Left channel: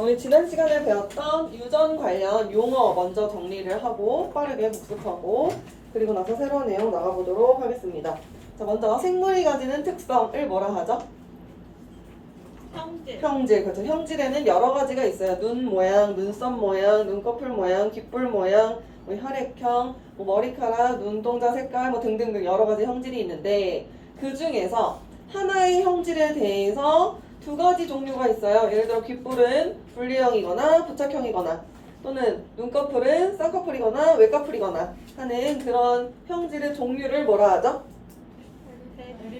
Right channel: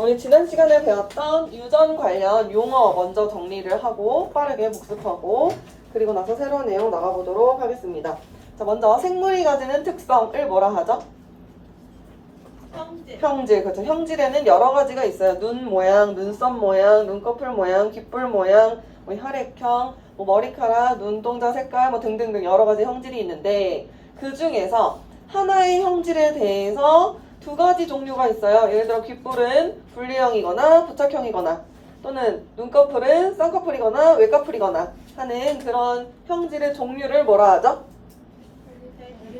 우리 지난 시간에 배웠던 유전 관련 용어 먼저 정리를 하고 빠르게 복습하고 그리고 나서 새로운 내용 나가보도록 하겠습니다. 자, 먼저 생물이 가지는 특성을 뭐라 하죠? 형질. 형질. 그렇죠. 형질에는 여러 가지가 있어요. 눈 모양, 눈썹 모양, 눈꺼풀 모양, 귓불 모양, 뭐 혈액형, 뭐 머리카락, 눈동자 색깔 뭐 등등등 여러 가지 형질이 있는데 그 중에서 하나의 형질에 대해서 두 가지 종류가 있어요. 예를 들어 귓불은 분리형이거나 부착형이거나 또는 눈꺼풀은 쌍꺼풀이거나 외꺼풀이거나 하는 그런 형질의 종류를 뭐라 하죠?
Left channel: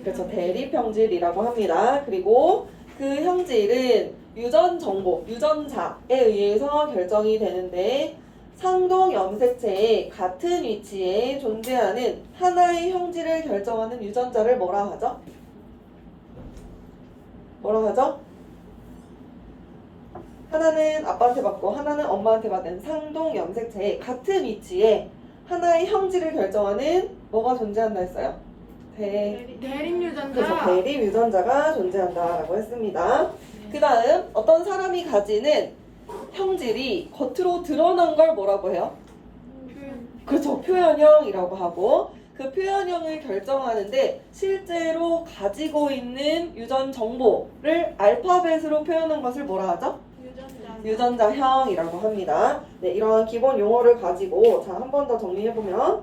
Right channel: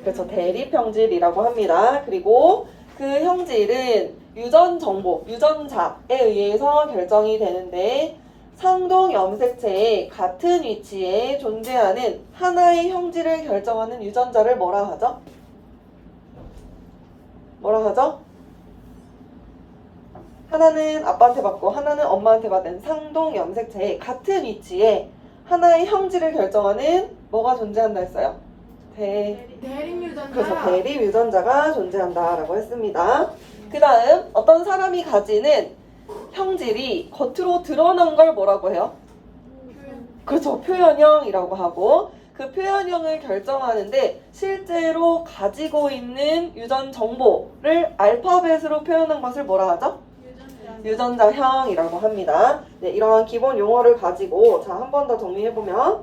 그렇죠. 대립형질이라고 합니다. 그리고 그 형질은 유전 정보, 유전자에 의해서 결정이 되는데 상동 염색체의 같은 위치에 존재하는 하나의 형질을 결정하는 유전자를 뭐라 하죠? 뭐라 하죠? 하나는 아빠한테 받고 하나는 엄마한테 받은 상동 염색체의 같은 위치에 하나의 형질을 결정하는 뭐가 존재한다 했어요? 대립 유전자. 그래서 대립 유전자가 존재한다라고 했습니다. 그 다음 어떤 사람이 가지는 형질이 겉으로 드러난 걸 뭐라고 해요? 그렇죠. 표현형이라고 하고 그 표현형을 결정하는데 실제로 가지고 있는 유전 정보를 알파벳으로 표현한 것을 뭐라 하죠? 유전자형이라고 합니다. 네, 이런 기본 용어를 가지고 자, 한 번 더 정리해보면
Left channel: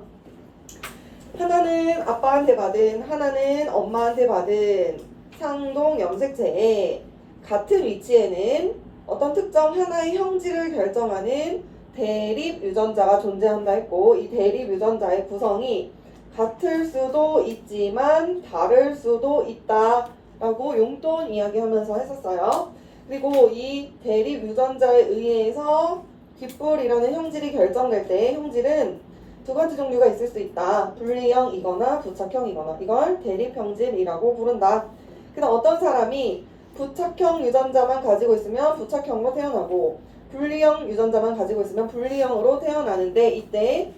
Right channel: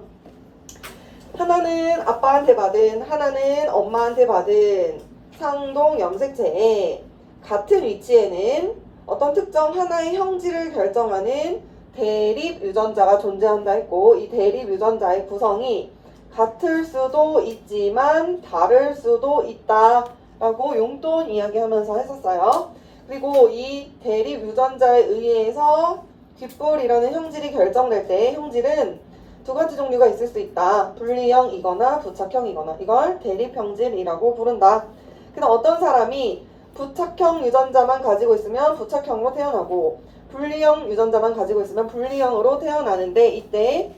하나는 아빠한테 받은 하나는 엄마한테 받은 상동 염색체에 같은 위치에는 어떤 특정 하나의 형질을 결정하는 대립 유전자가 존재한다 했고 이 대립 유전자의 구성이 같을 수도 있지만 다를 수도 있다 라고 용돈 이야기하면서 했었어요. 그리고 이 대립 유전자에 의해서 귓불이라는 형질이 결정될 때 형질은 두 가지 종류가 있을 수 있다. 분리형이거나 부착형이거나 이걸 대립형질이라고 부른다. 그럼 어떤 사람이 부착형 유전자만 가지고 있으면 부착형으로 태어나고 분리형 유전자만 가지고 있으면 분리형으로 태어나는데 이때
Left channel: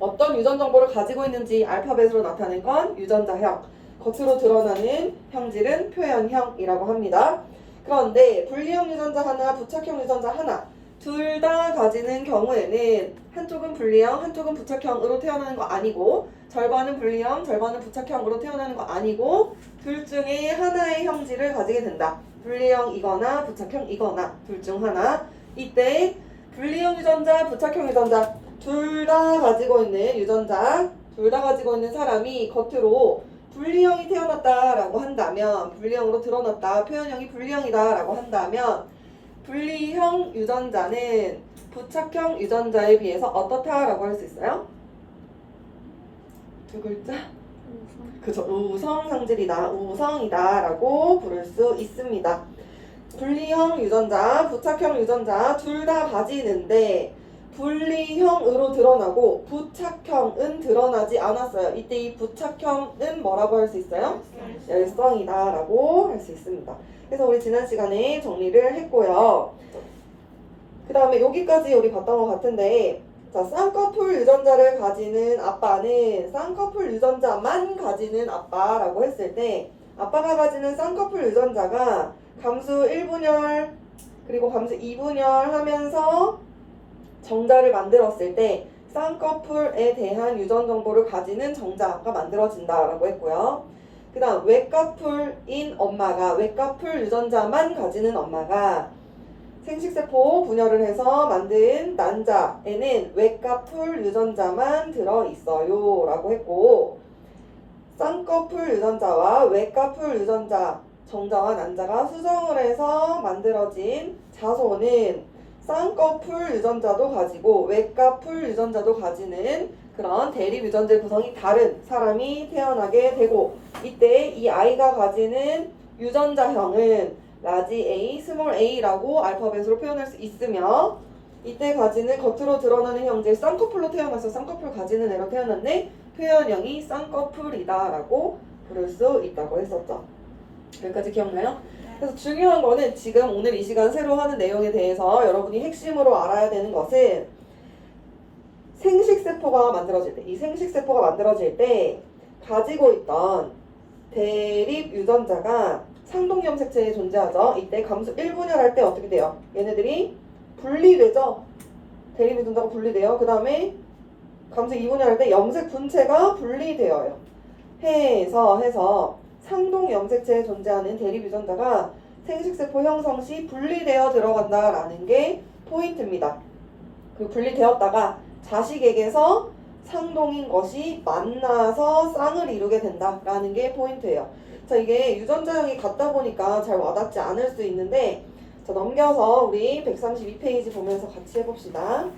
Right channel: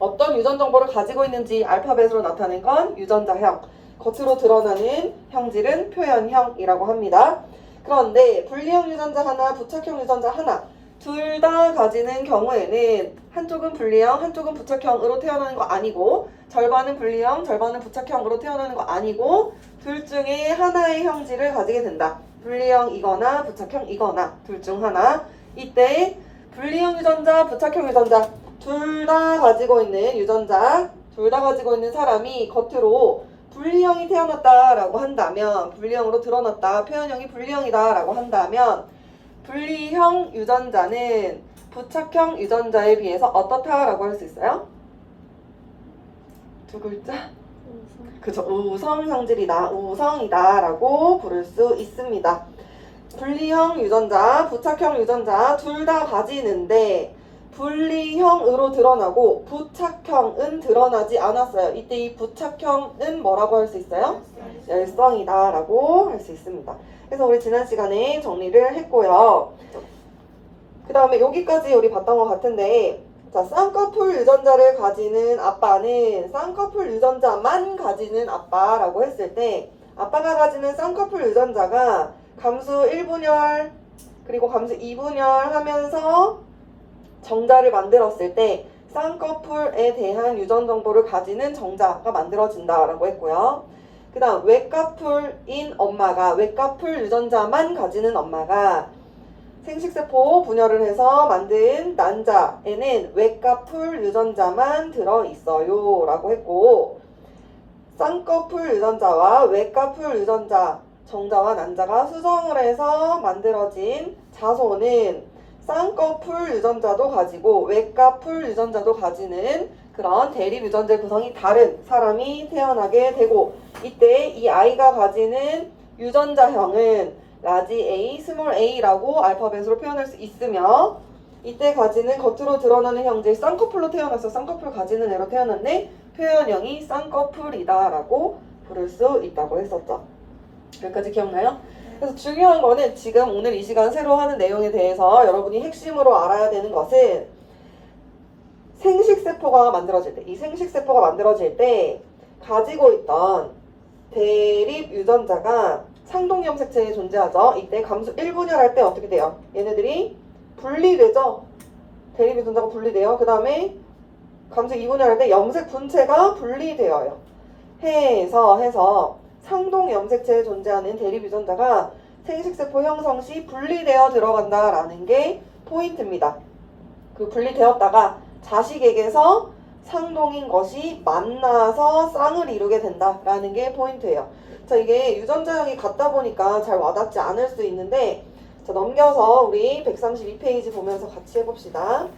어떤 유전 정보를 가지고 있는지 알파벳으로 나타낸 건 유전자형, 겉으로 드러나는 형질은 표현형이라고 합니다. 그런데 분리형 유전자 하나, 부착형 유전자 하나 둘 다 가지는 경우에는 한쪽은 분리형, 한쪽은 부착형으로 태어나는 거 아니고 절반은 분리형, 절반은 부착형으로 태어나는 거 아니고 둘 중에 하나의 형질을 가지게 된다. 분리형이거나 부착형이거나 둘 중 하나. 이때 분리형 유전자, 부착형 유전자 둘 다 가지고 있는 유전자, 둘 다 가지고 있는 사람이 겉으로 분리형이 태어났다라고 한다면 분리형으로 드러났다, 표현형이 분리형이다라고 한다면 분리형 유전자는 부착형 유전자에 비해서 어떻다라고 할 수 있어요? 두 글자? 그죠. 우성 형질이다, 우성이다라고 부를 수 있습니다. 분리형 유전자, 부착형 유전자 둘 다 가지는데 분리형으로 드러나고 부착형은 드러나지 않았어요. 이때 이 부착형은 뭐라고 할 수 있어요? 열성이다라고 할 수 있습니다. 그래서 우리 지난 시간에 정리를 했고요. 그 다음에 여기까지 우리 봤던 것 같은데 자, 쌍꺼풀 유전자를 가지는 아빠는 쌍꺼풀 유전자만 가지는 아빠라고 했을 때 아빠가 가지는 쌍꺼풀 유전자가 감수 1분열 그리고 감수 2분열 하면서 정자를 만들었을 때 쌍꺼풀에 대한 유전 정보를 가지는 정자가 만들어진다라고 했고요. 그 다음 외꺼풀인 엄마가 외꺼풀 유전자만 가지는 엄마가 생식세포 분열을 해서 만든 난자에는 외꺼풀 유전자만 들어있어요 라고 했고 쌍꺼풀 유전자와 외꺼풀 유전자 정자와 난자가 수정을 해서 만들어진 자손은 쌍꺼풀 유전자도 가지고 외꺼풀 유전자도 가지는 그런 대립 유전자 구성이 다른 사람이 태어나게 되고 이때 이 아이가 가지는 유전자형은 라지 A, 스몰 a라고 알파벳으로 표현할 수 있으며 이때 가지는 겉으로 드러나는 형질 쌍꺼풀로 태어나서 쌍꺼풀 가지는 애로 태어났네 표현형이 쌍꺼풀이다 라고 부를 수 있다고 했었죠. 여기까지 기억나요? 그래서 중요한 거는 지금 오늘 이 시간 새로 하는 내용에 대해서 여러분이 핵심으로 알아야 되는 것은 생식세포가 만들어질 때, 이 생식세포가 만들어질 때 가지고 있던 대립 유전자가 상동 염색체에 존재하죠. 이때 감수 1분열할 때 어떻게 돼요? 얘네들이 분리되죠. 대립 유전자가 분리돼요. 그 다음에 감수 2분열할 때 염색 분체가 분리되어요. 해서 상동 염색체에 존재하는 대립 유전자가 생식세포 형성 시 분리되어 들어간다라는 게 포인트입니다. 그 분리되었다가 자식에게서 상동인 것이 만나서 쌍을 이루게 된다라는 게 포인트예요. 자, 이게 유전자형이 같다 보니까 잘 와닿지 않을 수 있는데, 자, 넘겨서 우리 132페이지 보면서 같이 해봅시다.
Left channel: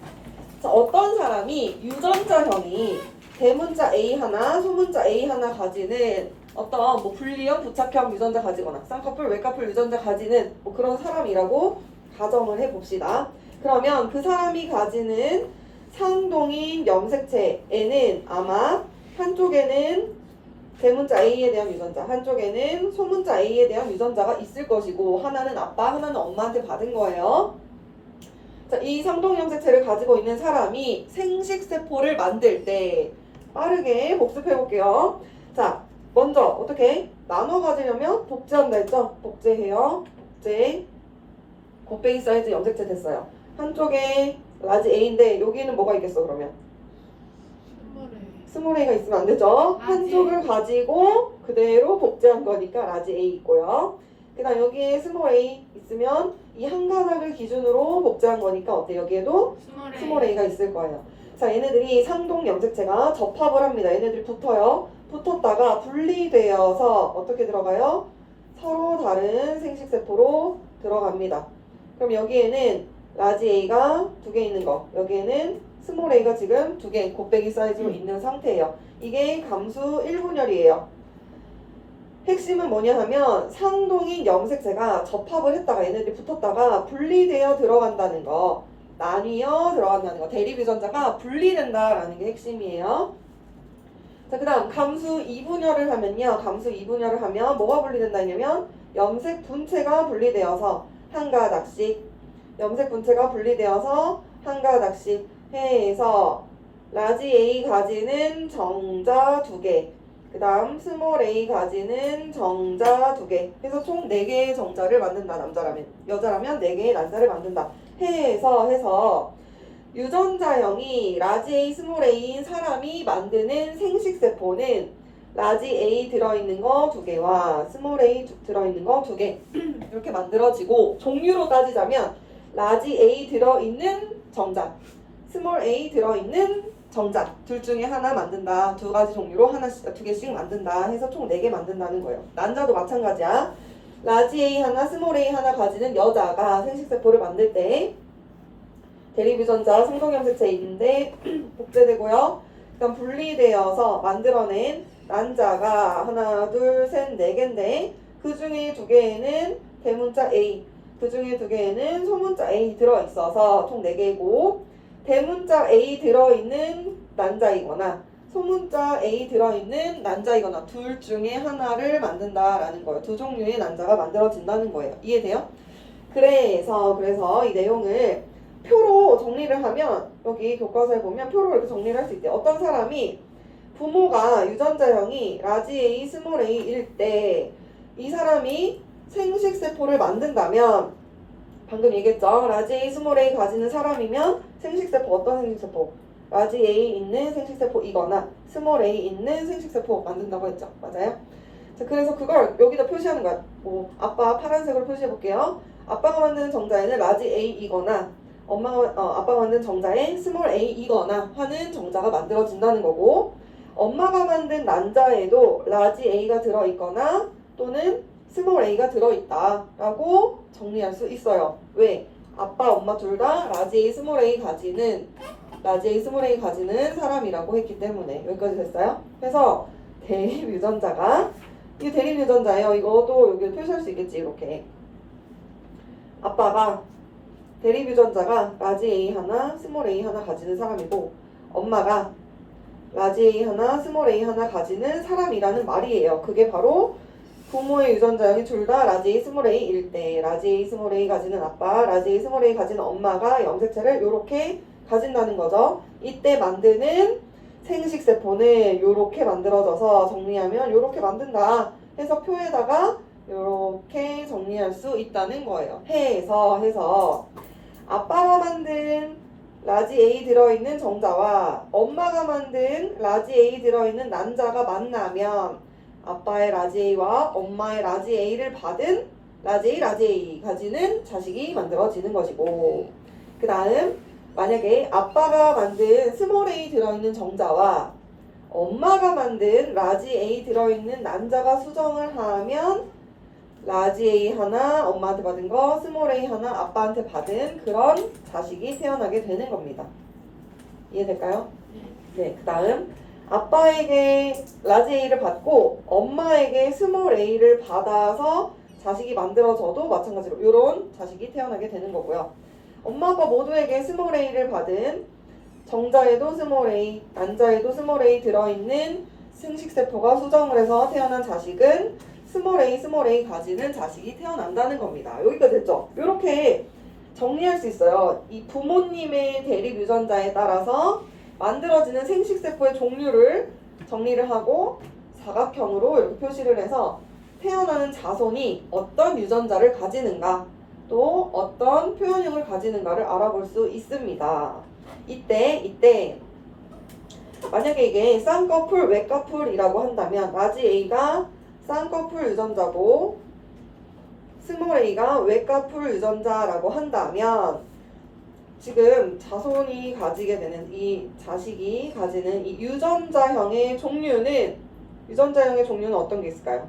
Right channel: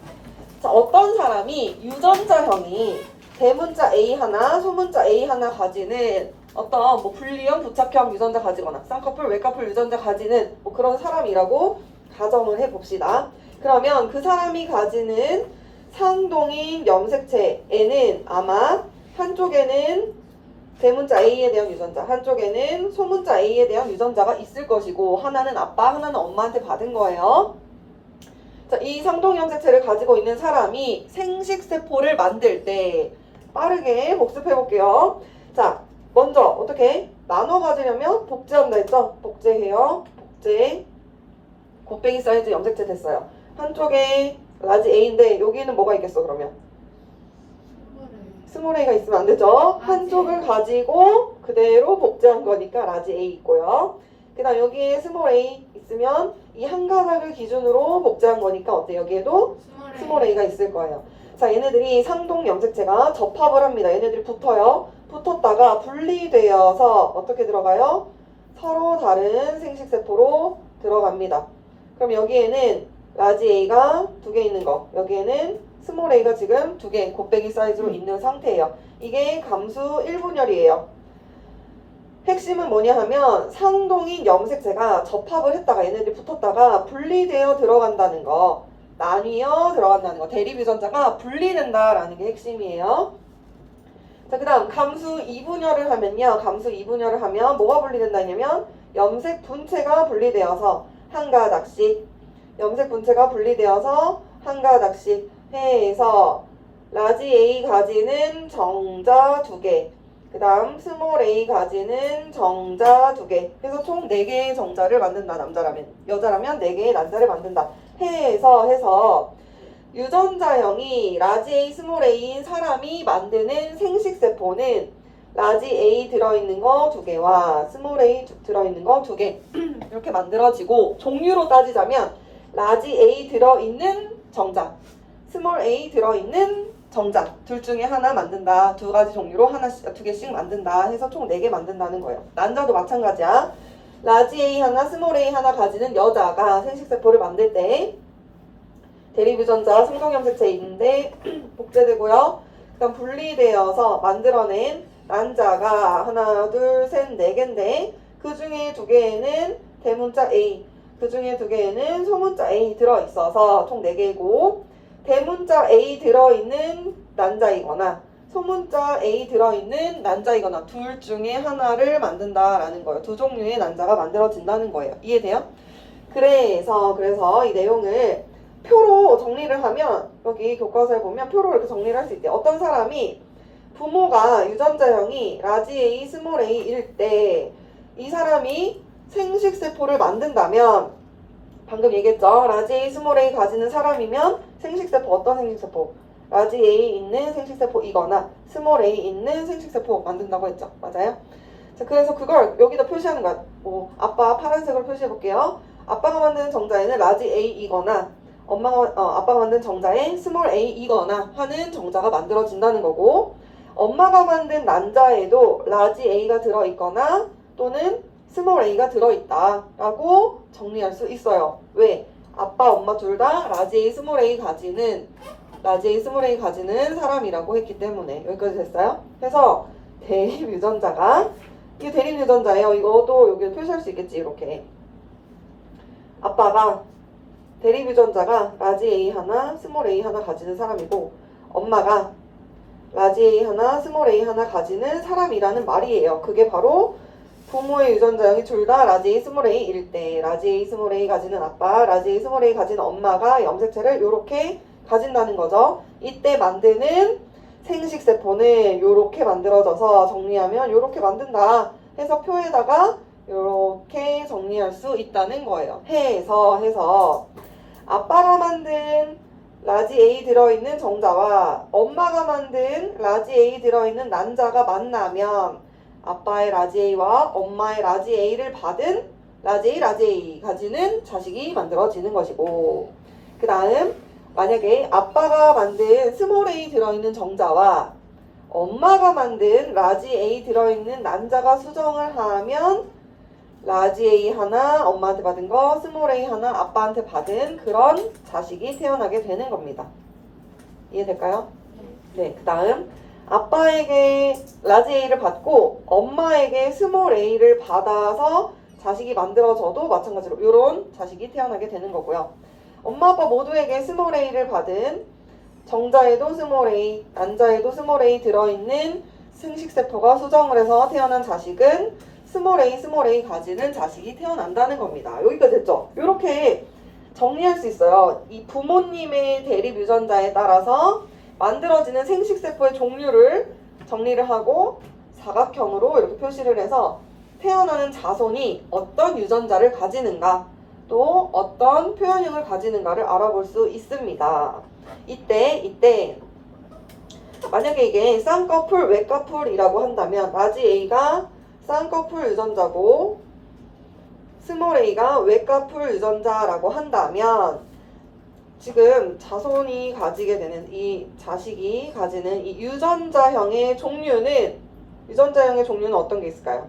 자, 어떤 사람이 유전자형이 대문자 A 하나, 소문자 A 하나 가지는 어떤 뭐 분리형, 부착형 유전자 가지거나 쌍꺼풀, 외꺼풀 유전자 가지는 뭐 그런 사람이라고 가정을 해봅시다. 그러면 그 사람이 가지는 상동인 염색체에는 아마 한쪽에는 대문자 A에 대한 유전자, 한쪽에는 소문자 A에 대한 유전자가 있을 것이고, 하나는 아빠, 하나는 엄마한테 받은 거예요. 자, 이 상동 염색체를 가지고 있는 사람이 생식세포를 만들 때 빠르게 복습해 볼게요. 자, 먼저 어떻게 나눠 가지려면 복제한다 했죠? 복제해요. 복제. 곱빼기 사이즈 염색체 됐어요. 한쪽에 라지 A인데 여기는 뭐가 있겠어 그러면? 스몰 A가 있으면 안 되죠. 한쪽을 가지고 그대로 복제한 거니까 라지 A 있고요. 그 다음 여기에 스몰 A 있으면 이 한 가닥을 기준으로 복제한 거니까 어때? 여기에도 스몰 A가 있을 거예요. 자, 얘네들이 상동 염색체가 접합을 합니다. 얘네들이 붙어요. 붙었다가 분리되어서 어떻게 들어가요? 서로 다른 생식세포로 들어갑니다. 그럼 여기에는 라지 A가 2개 있는 거, 여기에는 스몰 A가 지금 2개 곱빼기 사이즈로 있는 상태예요. 이게 감수 1분열이에요. 핵심은 뭐냐 하면 상동인 염색체가 접합을 했다가 얘네들이 붙었다가 분리되어 들어간다는 거, 나뉘어 들어간다는 거, 대립 유전자가 분리된다라는 게 핵심이에요. 자, 그 다음 감수 2분열을 하면요. 감수 2분열을 하면 뭐가 분리된다 했냐면 염색 분체가 분리되어서 한 가닥씩, 염색 분체가 분리되어서 한 가닥씩 해서 라지 A 가지는 정자 2개, 그 다음 스몰 A 가지는 정자 2개 해서 총 4개의 정자를 만든다. 남자라면. 여자라면 4개의 난자를 만든다. 해서 유전자형이 라지 A, 스몰 A인 사람이 만드는 생식세포는 라지 A 들어있는 거 2개와 스몰 A 들어있는 거 2개 이렇게 만들어지고, 종류로 따지자면 라지 A 들어있는 정자, 스몰 A 들어있는 정자 둘 중에 하나 만든다. 2가지 종류로 하나씩, 2개씩 만든다 해서 총 4개 만든다는 거예요. 난자도 마찬가지야. 라지 A 하나, 스몰 A 하나 가지는 여자가 생식세포를 만들 때 대립 유전자 상동염색체인데 복제되고요. 그다음 분리되어서 만들어낸 난자가 하나, 둘, 셋, 4개인데 그 중에 2개에는 대문자 A, 그 중에 2개에는 소문자 A 들어있어서 총 4개고, 대문자 A 들어있는 난자이거나 소문자 A 들어있는 난자이거나 둘 중에 하나를 만든다라는 거예요. 2종류의 난자가 만들어진다는 거예요. 이해돼요? 그래서 이 내용을 표로 정리를 하면, 여기 교과서에 보면 표로 이렇게 정리를 할 수 있대요. 어떤 사람이 부모가 유전자형이 라지 A, 스몰 A일 때 이 사람이 생식세포를 만든다면, 방금 얘기했죠. 라지 A, 스몰 A 가지는 사람이면 생식세포, 어떤 생식세포? 라지 A 있는 생식세포이거나 스몰 A 있는 생식세포 만든다고 했죠. 맞아요? 자, 그래서 그걸 여기다 표시하는 거야. 뭐 아빠 파란색으로 표시해 볼게요. 아빠가 만든 정자에는 라지 A이거나 아빠가 만든 정자에 스몰 A이거나 하는 정자가 만들어진다는 거고, 엄마가 만든 난자에도 라지 A가 들어있거나 또는 스몰 A가 들어있다라고 정리할 수 있어요. 왜? 아빠, 엄마 둘 다 라지 A, 스몰 A 가지는 사람이라고 했기 때문에. 여기까지 됐어요? 그래서 대립 유전자가, 이게 대립 유전자예요. 이것도 여기 표시할 수 있겠지. 이렇게 아빠가 대립 유전자가 라지 A 하나, 스몰 A 하나 가지는 사람이고, 엄마가 라지 A 하나, 스몰 A 하나 가지는 사람이라는 말이에요. 그게 바로 부모의 유전자형이 둘 다 라지 A, 스몰 A일 때 라지 A, 스몰 A 가지는 아빠, 라지 A, 스몰 A 가지는 엄마가 염색체를 이렇게 가진다는 거죠. 이때 만드는 생식세포는 이렇게 만들어져서 정리하면 이렇게 만든다 해서 표에다가 이렇게 정리할 수 있다는 거예요. 해서 아빠가 만든 라지 A 들어있는 정자와 엄마가 만든 라지 A 들어있는 난자가 만나면 아빠의 라지 A와 엄마의 라지 A를 받은 라지 A 가지는 자식이 만들어지는 것이고, 그 다음 만약에 아빠가 만든 스몰 a 들어있는 정자와 엄마가 만든 라지 A 들어있는 난자가 수정을 하면 라지 A 하나 엄마한테 받은 거, 스몰 a 하나 아빠한테 받은 그런 자식이 태어나게 되는 겁니다. 이해될까요? 네, 그 다음 아빠에게 라지 A를 받고 엄마에게 스몰 a를 받아서 자식이 만들어져도 마찬가지로 이런 자식이 태어나게 되는 거고요. 엄마 아빠 모두에게 스몰 a를 받은 정자에도 스몰 a, 난자에도 스몰 a 들어있는 승식세포가 수정을 해서 태어난 자식은 스몰 a 가지는 자식이 태어난다는 겁니다. 여기까지 됐죠? 이렇게 정리할 수 있어요. 이 부모님의 대립 유전자에 따라서 만들어지는 생식세포의 종류를 정리를 하고 사각형으로 이렇게 표시를 해서 태어나는 자손이 어떤 유전자를 가지는가 또 어떤 표현형을 가지는가를 알아볼 수 있습니다. 이때 만약에 이게 쌍꺼풀, 외꺼풀이라고 한다면 라지 A가 쌍꺼풀 유전자고 스몰 a가 외꺼풀 유전자라고 한다면 지금 자손이 가지게 되는 이 자식이 가지는 이 유전자형의 종류는 어떤 게 있을까요?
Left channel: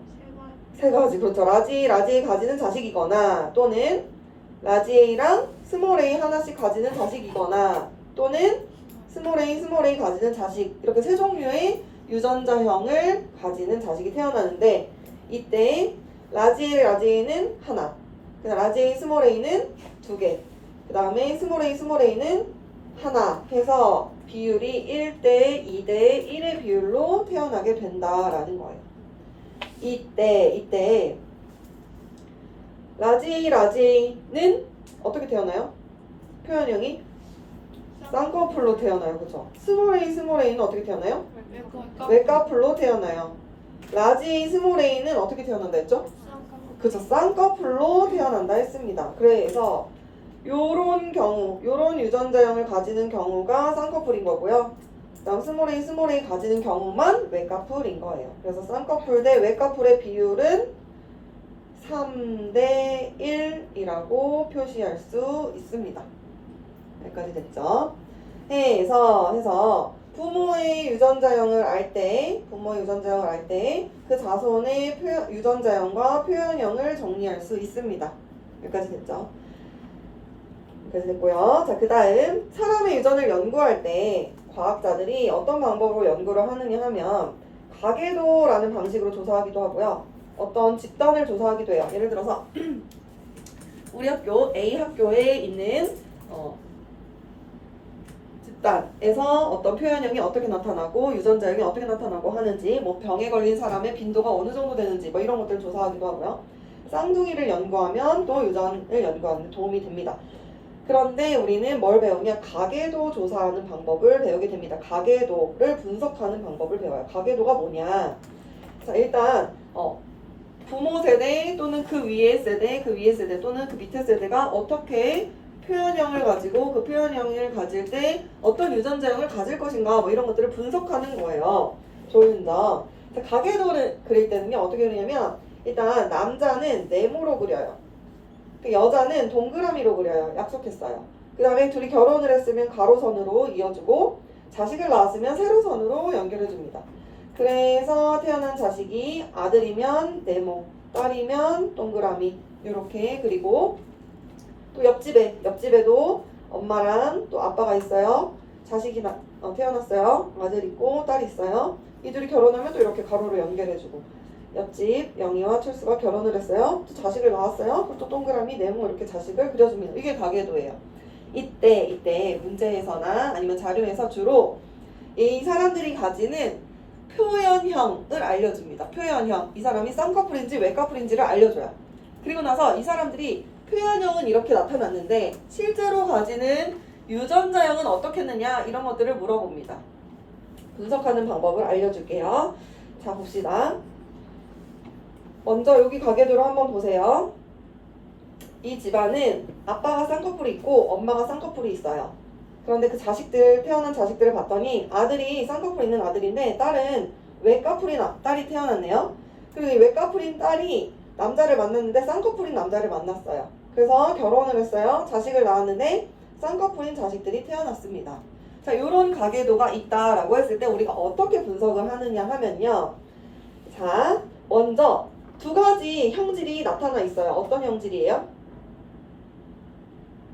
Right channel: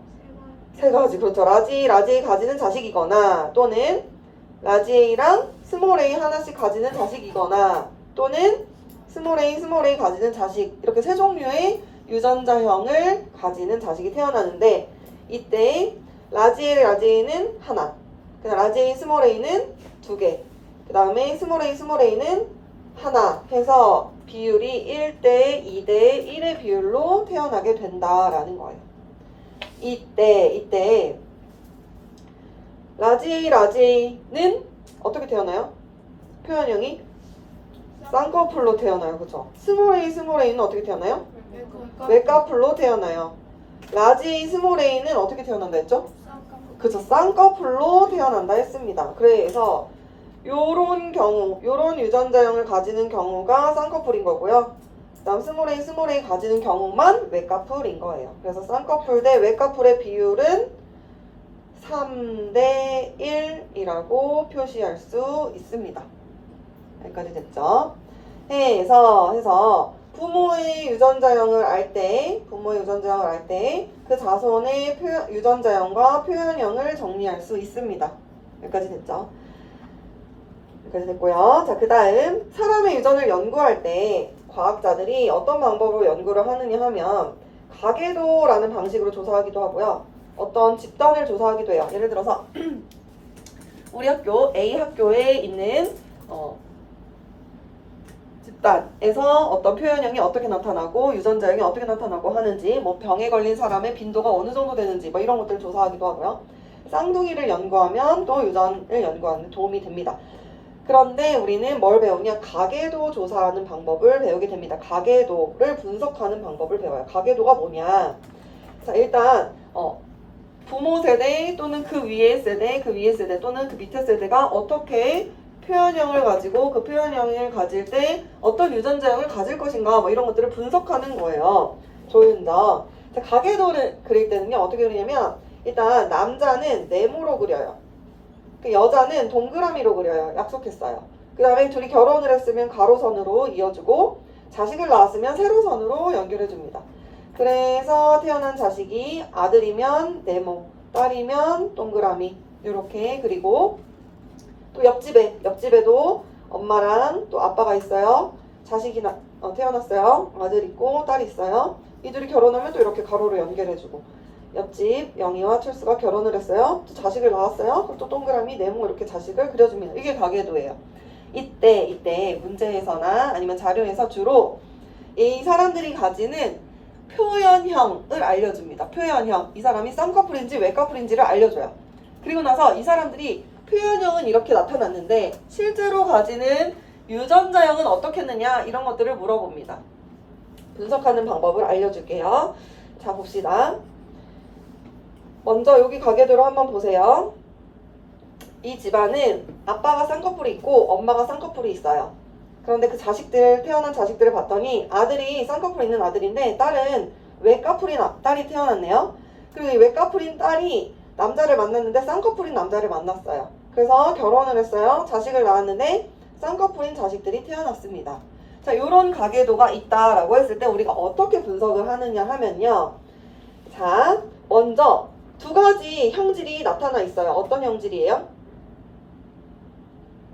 세 가지. 그렇죠. 라지 A 가지는 자식이거나 또는 라지 A랑 스몰 a 하나씩 가지는 자식이거나 또는 스몰 a 가지는 자식, 이렇게 세 종류의 유전자형을 가지는 자식이 태어나는데 이때 라지 A는 하나, 그냥 라지 A 스몰 a는 두 개, 그 다음에 스몰 a는 하나 해서 비율이 1대 2대 1의 비율로 태어나게 된다라는 거예요. 이때 라지 A는 어떻게 태어나요? 표현형이 쌍꺼풀로 태어나요. 그쵸? 스몰 A는 어떻게 태어나요? 외꺼풀로 태어나요. 라지 A 스몰 a는 어떻게 태어난다 했죠? 그쵸, 쌍꺼풀로 태어난다 했습니다. 그래서 요런 경우, 요런 유전자형을 가지는 경우가 쌍꺼풀인 거고요. 그 다음 스몰 A 가지는 경우만 외꺼풀인 거예요. 그래서 쌍꺼풀 대 외꺼풀의 비율은 3대 1이라고 표시할 수 있습니다. 여기까지 됐죠? 해서 부모의 유전자형을 알 때 그 자손의 유전자형과 표현형을 정리할 수 있습니다. 여기까지 됐죠? 여기까지 됐고요. 자, 그 다음 사람의 유전을 연구할 때 과학자들이 어떤 방법으로 연구를 하느냐 하면 가계도라는 방식으로 조사하기도 하고요. 어떤 집단을 조사하기도 해요. 예를 들어서 우리 학교 A 학교에 있는 집단에서 어떤 표현형이 어떻게 나타나고 유전자형이 어떻게 나타나고 하는지, 뭐 병에 걸린 사람의 빈도가 어느 정도 되는지 뭐 이런 것들을 조사하기도 하고요. 쌍둥이를 연구하면 또 유전을 연구하는 데 도움이 됩니다. 그런데 우리는 뭘 배우냐? 가계도 조사하는 방법을 배우게 됩니다. 가계도를 분석하는 방법을 배워요. 가계도가 뭐냐? 자, 일단 부모 세대 또는 그 위의 세대 또는 그 밑에 세대가 어떻게 표현형을 가지고 그 표현형을 가질 때 어떤 유전자형을 가질 것인가 뭐 이런 것들을 분석하는 거예요. 조윤자. 가계도를 그릴 때는요 어떻게 그리냐면 일단 남자는 네모로 그려요. 여자는 동그라미로 그려요. 약속했어요. 그 다음에 둘이 결혼을 했으면 가로선으로 이어주고 자식을 낳았으면 세로선으로 연결해줍니다. 그래서 태어난 자식이 아들이면 네모, 딸이면 동그라미 이렇게 그리고 또 옆집에도 엄마랑 또 아빠가 있어요. 자식이 태어났어요. 아들 있고 딸 있어요. 이들이 결혼하면 또 이렇게 가로로 연결해주고 옆집 영희와 철수가 결혼을 했어요. 또 자식을 낳았어요. 그럼 또 동그라미 네모 이렇게 자식을 그려줍니다. 이게 가계도예요. 이때 문제에서나 아니면 자료에서 주로 이 사람들이 가지는 표현형을 알려줍니다. 표현형. 이 사람이 쌍꺼풀인지 외꺼풀인지를 알려줘요. 그리고 나서 이 사람들이 표현형은 이렇게 나타났는데 실제로 가지는 유전자형은 어떻겠느냐 이런 것들을 물어봅니다. 분석하는 방법을 알려줄게요. 자, 봅시다. 먼저 여기 가계도를 한번 보세요. 이 집안은 아빠가 쌍꺼풀이 있고 엄마가 쌍꺼풀이 있어요. 그런데 그 태어난 자식들을 봤더니 아들이 쌍꺼풀 있는 아들인데 딸은 외꺼풀인 딸이 태어났네요. 그리고 이 외꺼풀인 딸이 남자를 만났는데 쌍꺼풀인 남자를 만났어요. 그래서 결혼을 했어요. 자식을 낳았는데 쌍꺼풀인 자식들이 태어났습니다. 자, 이런 가계도가 있다라고 했을 때 우리가 어떻게 분석을 하느냐 하면요. 자, 먼저 두 가지 형질이 나타나 있어요. 어떤 형질이에요?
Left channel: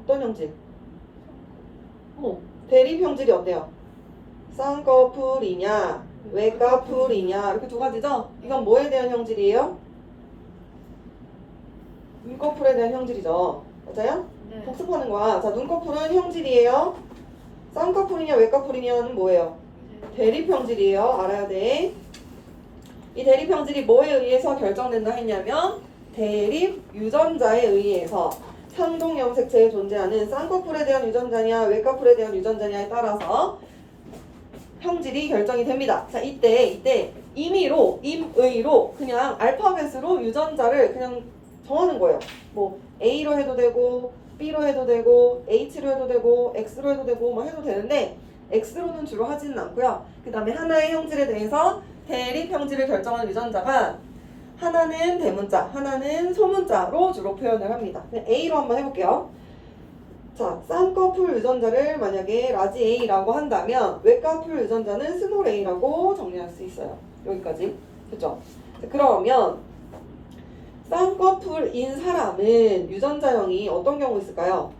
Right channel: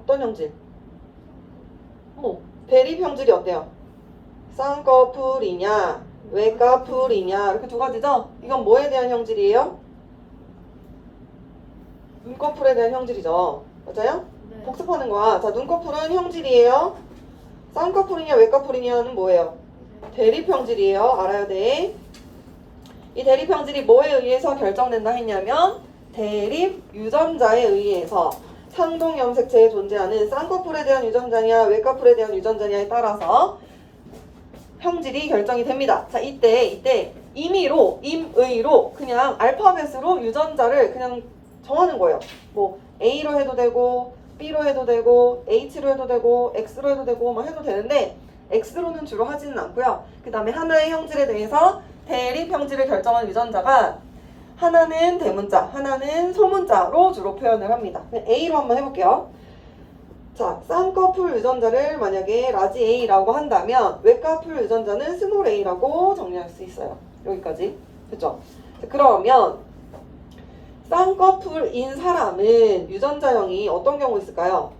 어떤 형질? 대립 형질이 어때요? 쌍꺼풀이냐, 외꺼풀이냐 이렇게 두 가지죠? 이건 뭐에 대한 형질이에요? 눈꺼풀에 대한 형질이죠. 맞아요? 네. 복습하는 거야. 자, 눈꺼풀은 형질이에요. 쌍꺼풀이냐, 외꺼풀이냐는 뭐예요? 대립 형질이에요. 알아야 돼. 이 대립 형질이 뭐에 의해서 결정된다 했냐면 대립 유전자에 의해서 상동 염색체에 존재하는 쌍꺼풀에 대한 유전자냐 외꺼풀에 대한 유전자냐에 따라서 형질이 결정이 됩니다. 자, 이때 임의로 그냥 알파벳으로 유전자를 그냥 정하는 거예요. 뭐 A로 해도 되고 B로 해도 되고 H로 해도 되고 X로 해도 되고 뭐 해도 되는데 X로는 주로 하지는 않고요. 그 다음에 하나의 형질에 대해서 대립 형질을 결정하는 유전자가 하나는 대문자, 하나는 소문자로 주로 표현을 합니다. A로 한번 해볼게요. 자, 쌍꺼풀 유전자를 만약에 라지 A라고 한다면 외꺼풀 유전자는 스몰 a라고 정리할 수 있어요. 여기까지. 그죠? 그러면 쌍꺼풀인 사람은 유전자형이 어떤 경우 있을까요?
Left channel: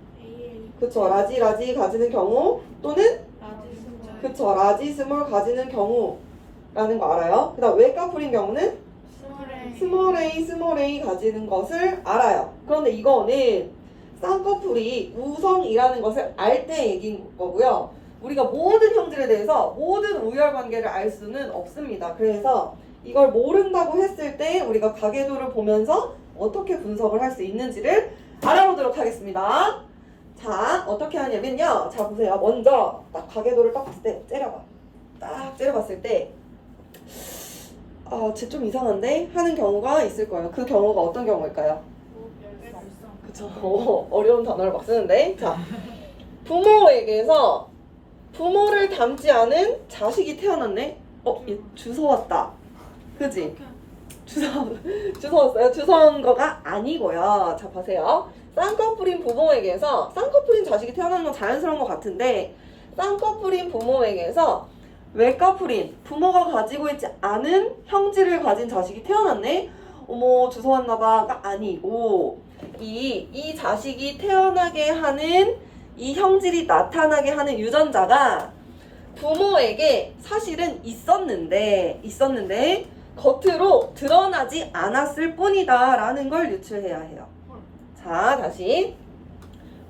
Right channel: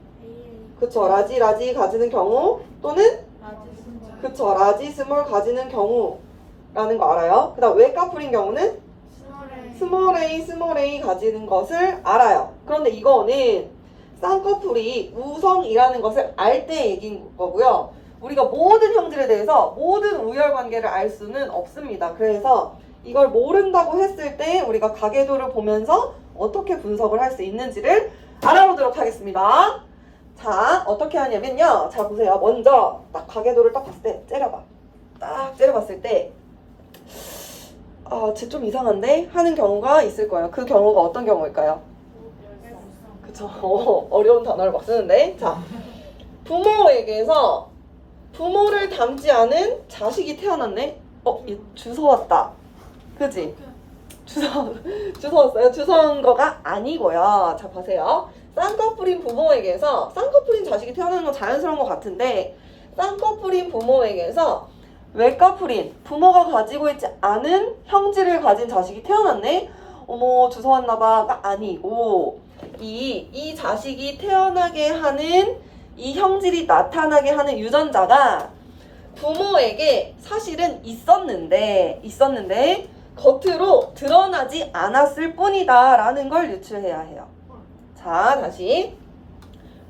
그쵸, 라지 가지는 경우 또는 그쵸, 라지 스몰 가지는 경우라는 거 알아요? 그 다음 외꺼풀인 경우는 스몰 a 가지는 것을 알아요. 그런데 이거는 쌍꺼풀이 우성이라는 것을 알 때 얘기인 거고요. 우리가 모든 형질에 대해서 모든 우열관계를 알 수는 없습니다. 그래서 이걸 모른다고 했을 때 우리가 가계도를 보면서 어떻게 분석을 할 수 있는지를 알아보도록 하겠습니다. 자, 어떻게 하냐면요. 자, 보세요. 먼저 딱 가계도를 딱 봤을 때 째려봐. 딱 째려봤을 때 쟤 좀 이상한데? 하는 경우가 있을 거예요. 그 경우가 어떤 경우일까요? 그쵸. 어려운 단어를 막 쓰는데. 자, 부모에게서 부모를 닮지 않은 자식이 태어났네? 얘 주워 왔다. 그지? 주워 왔어요. 주워 온 거가 아니고요. 자, 보세요. 쌍꺼풀인 부모에게서 쌍꺼풀인 자식이 태어나는 건 자연스러운 것 같은데 쌍꺼풀인 부모에게서 외꺼풀인 부모가 가지고 있지 않은 형질을 가진 자식이 태어났네? 어머, 주워 왔나봐가 아니고 이 자식이 태어나게 하는 이 형질이 나타나게 하는 유전자가 부모에게 사실은 있었는데 겉으로 드러나지 않았을 뿐이다 라는 걸 유추해야 해요. 자, 다시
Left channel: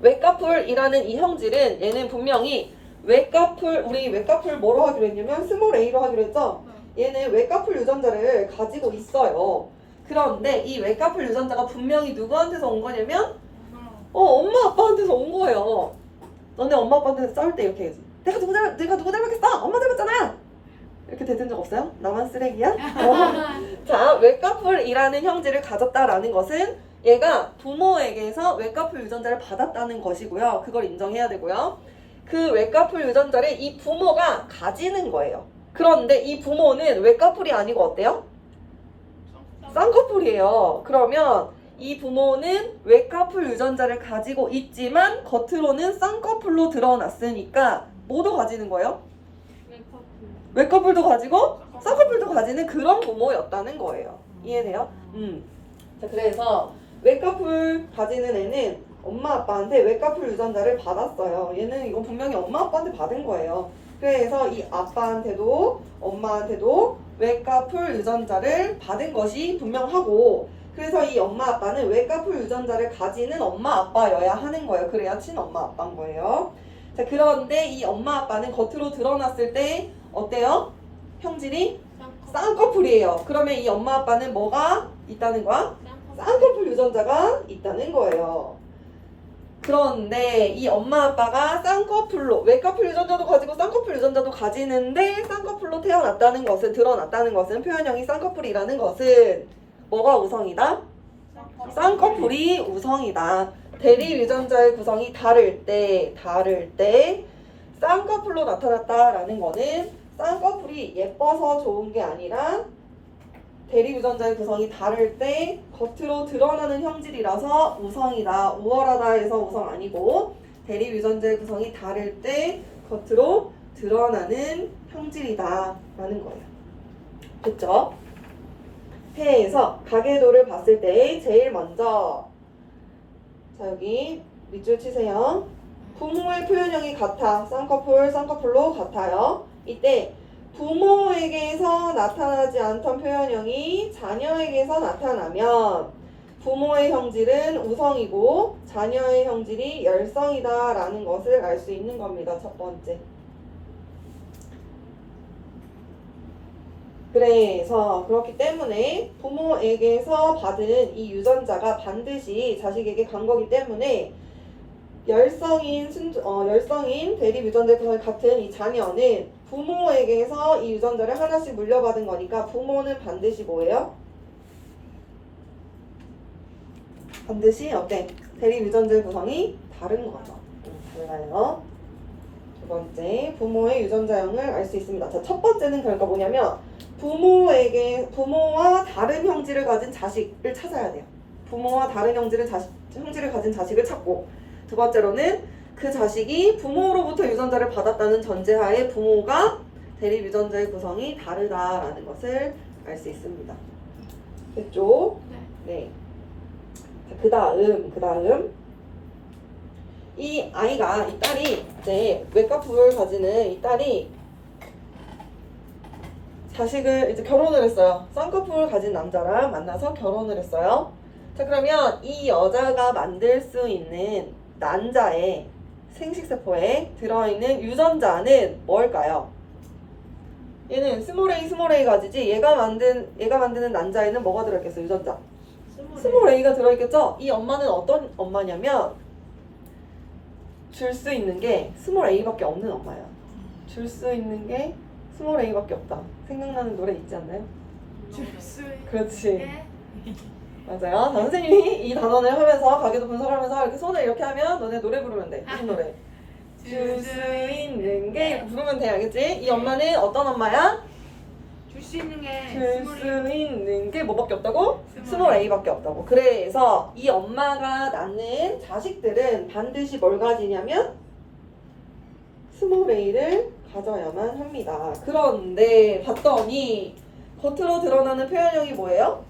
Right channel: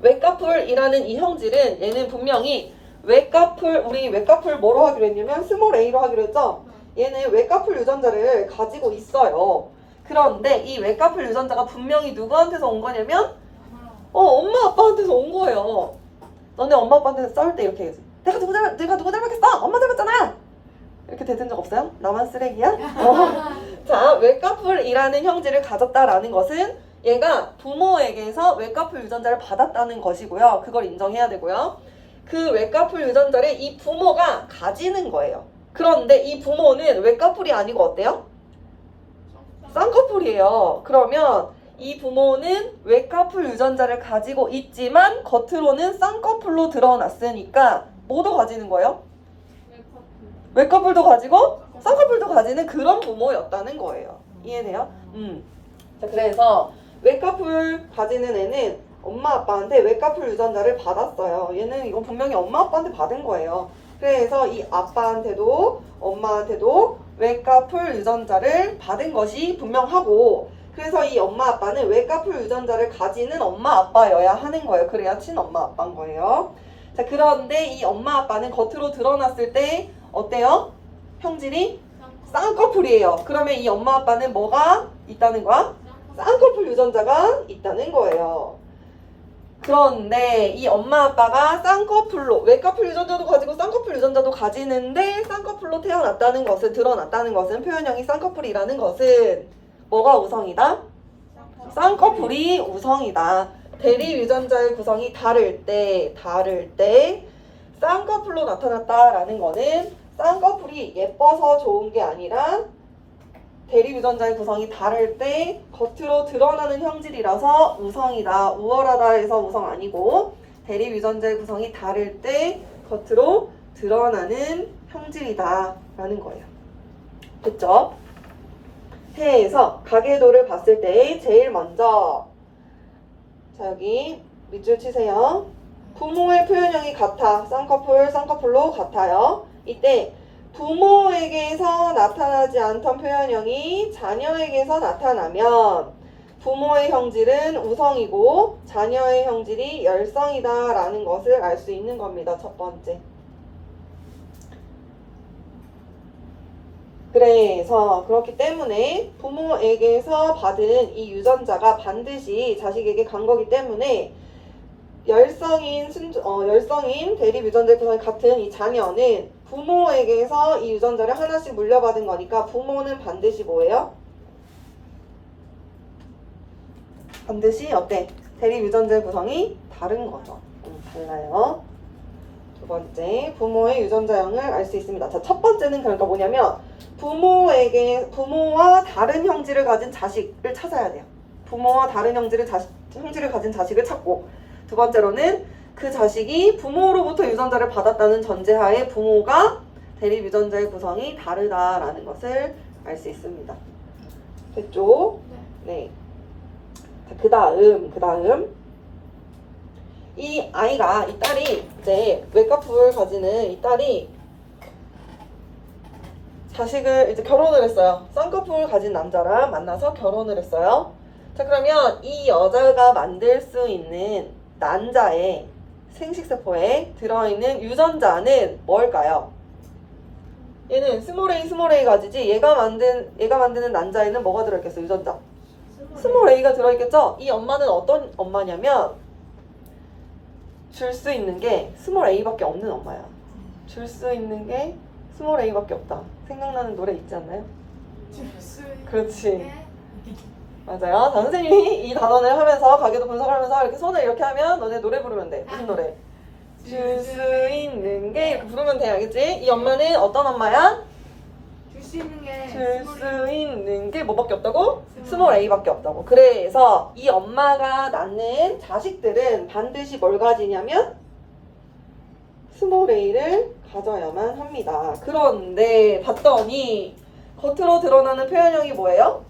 외꺼풀이라는 이 형질은 얘는 분명히 우리 외꺼풀 뭐로 하기로 했냐면 스몰 a로 하기로 했죠? 얘는 외꺼풀 유전자를 가지고 있어요. 그런데 이 외꺼풀 유전자가 분명히 누구한테서 온 거냐면 엄마 아빠한테서 온 거예요. 너네 엄마 아빠한테 싸울 때 이렇게 해야지. 내가 누구 닮았겠어? 엄마 닮았잖아. 이렇게 되든 적 없어요? 나만 쓰레기야? 자, 외꺼풀이라는 형질을 가졌다라는 것은 얘가 부모에게서 외꺼풀 유전자를 받았다는 것이고요. 그걸 인정해야 되고요. 그 외꺼풀 유전자를 이 부모가 가지는 거예요. 그런데 이 부모는 외꺼풀이 아니고 어때요? 쌍꺼풀이에요. 그러면 이 부모는 외꺼풀 유전자를 가지고 있지만 겉으로는 쌍꺼풀로 드러났으니까 뭐도 가지는 거예요? 외꺼풀도 가지고 쌍꺼풀도 가지는 그런 부모였다는 거예요. 이해돼요? 자, 그래서 외꺼풀 가지는 애는 엄마 아빠한테 외꺼풀 유전자를 받았어요. 얘는 이건 분명히 엄마 아빠한테 받은 거예요. 그래서 이 아빠한테도 엄마한테도 외꺼풀 유전자를 받은 것이 분명하고 그래서 이 엄마 아빠는 외꺼풀 유전자를 가지는 엄마 아빠여야 하는 거예요. 그래야 친엄마 아빠인 거예요. 자, 그런데 이 엄마 아빠는 겉으로 드러났을 때 어때요? 형질이 쌍꺼풀이에요. 그러면 이 엄마 아빠는 뭐가 있다는 거야? 쌍꺼풀 유전자가 있다는 거예요. 그런데 이 엄마 아빠가 쌍꺼풀로 외꺼풀 유전자도 가지고 쌍꺼풀 유전자도 가지는데 쌍꺼풀로 태어났다는 것은 드러났다는 것은 표현형이 쌍꺼풀이라는 것은 뭐가 우성이다? 쌍꺼풀이 우성이다. 대립 유전자의 구성이 다를 때 쌍꺼풀로 나타났다라는 거는 쌍꺼풀이 예뻐서 좋은 게 아니라 대립 유전자의 구성이 다를 때 겉으로 드러나는 형질이라서 우성이다. 우월하다 해서 우성 아니고 대립 유전자의 구성이 다를 때 겉으로 드러나는 형질이다 라는 거예요. 됐죠? 해에서 가계도를 봤을 때 제일 먼저 자 여기 밑줄 치세요. 부모의 표현형이 같아. 쌍꺼풀로 같아요. 이때 부모에게서 나타나지 않던 표현형이 자녀에게서 나타나면 부모의 형질은 우성이고 자녀의 형질이 열성이다 라는 것을 알 수 있는 겁니다. 첫 번째. 그래서 그렇기 때문에 부모에게서 받은 이 유전자가 반드시 자식에게 간 거기 때문에 열성인 대립 유전자의 구성이 같은 이 자녀는 부모에게서 이 유전자를 하나씩 물려받은 거니까 부모는 반드시 뭐예요? 반드시 어때? 대립 유전자의 구성이 다른 거죠. 달라요. 두 번째, 부모의 유전자형을 알 수 있습니다. 자, 첫 번째는 그러니까 뭐냐면 부모와 다른 형질을 가진 자식을 찾아야 돼요. 부모와 다른 형질을 가진 자식을 찾고, 두 번째로는 그 자식이 부모로부터 유전자를 받았다는 전제하에 부모가 대립 유전자의 구성이 다르다라는 것을 알 수 있습니다. 됐죠? 네. 그 다음 이 아이가, 이 딸이 이제 외가풀을 가지는 이 딸이 자식을 이제 결혼을 했어요. 쌍꺼풀을 가진 남자랑 만나서 결혼을 했어요. 자, 그러면 이 여자가 만들 수 있는 난자의 생식세포에 들어있는 유전자는 뭘까요? 얘는 스몰 a 가지지 얘가 만드는 난자에는 뭐가 들어있겠어? 유전자 스몰 a가 들어있겠죠? 이 엄마는 어떤 엄마냐면 줄 수 있는 게 스몰 a밖에 없는 엄마야. 줄 수 있는 게 스몰 a밖에 없다. 생각나는 노래 있지 않나요? 그렇지. 맞아요. 자, 선생님이 이 단원을 하면서 가계도 분석하면서 이렇게 손을 이렇게 하면 너네 노래 부르면 돼. 무슨 노래? 줄 수 있는 게 이렇게 부르면 돼. 알겠지? 이 엄마는 어떤 엄마야? 줄 수 있는 게 줄 수 있는 게 뭐밖에 없다고? 스몰 a밖에 없다고. 그래서 이 엄마가 낳는 자식들은 반드시 뭘 가지냐면 스몰 a를 가져야만 합니다. 그런데 봤더니 겉으로 드러나는 표현형이 뭐예요?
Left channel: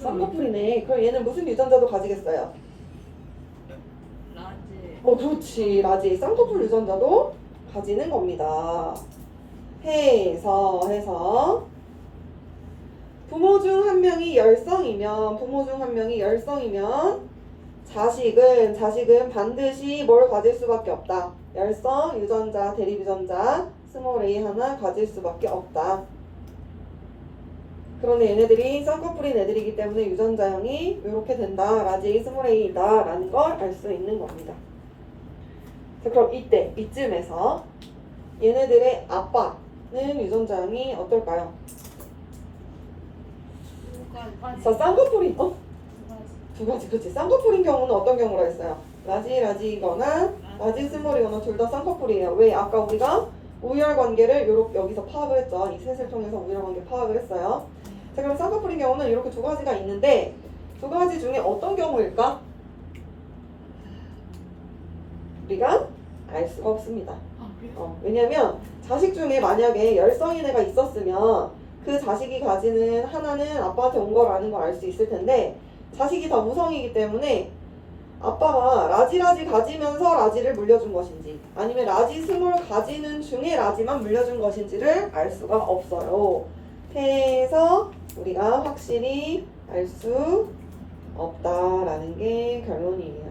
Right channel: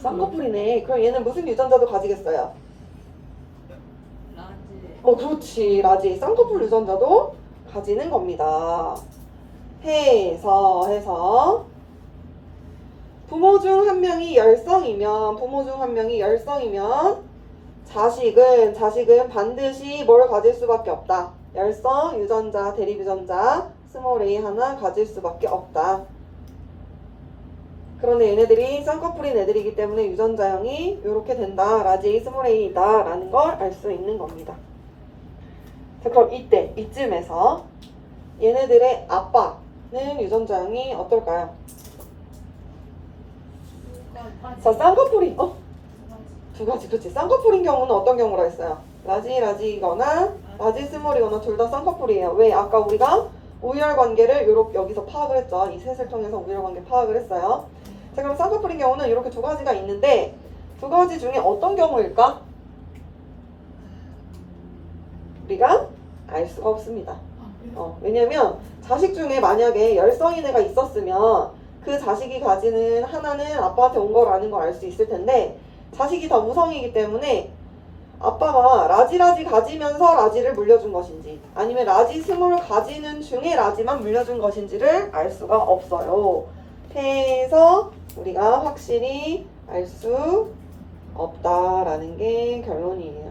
쌍꺼풀이네. 그럼 얘는 무슨 유전자도 가지겠어요? 라지. 그렇지. 라지. 쌍꺼풀 유전자도 가지는 겁니다. 해서 부모 중 한 명이 열성이면 자식은 반드시 뭘 가질 수밖에 없다. 열성, 유전자, 대립 유전자, 스몰 a 하나 가질 수밖에 없다. 그런데 얘네들이 쌍꺼풀인 애들이기 때문에 유전자형이 이렇게 된다. 라지 스몰 a이다 라는 걸 알 수 있는 겁니다. 자, 그럼 이쯤에서 얘네들의 아빠는 유전자형이 어떨까요? 자, 쌍꺼풀이 두 가지. 그치? 쌍꺼풀인 경우는 어떤 경우라 했어요? 라지이거나 라지 스몰이거나 둘 다 쌍꺼풀이에요. 왜? 아까 우리가 우열 관계를 여기서 파악을 했죠. 이 셋을 통해서 우열 관계 파악을 했어요. 자, 그럼 쌍꺼풀인 경우는 이렇게 두 가지가 있는데 두 가지 중에 어떤 경우일까? 우리가 알 수가 없습니다. 왜냐면 자식 중에 만약에 열성인 애가 있었으면 그 자식이 가지는 하나는 아빠한테 온 거라는 걸 알 수 있을 텐데 자식이 다 우성이기 때문에 아빠가 라지 가지면서 라지를 물려준 것인지 아니면 라지 스몰 가지는 중에 라지만 물려준 것인지를 알 수가 없어요. 해서 우리가 확실히 알 수 없다라는 게 결론이에요.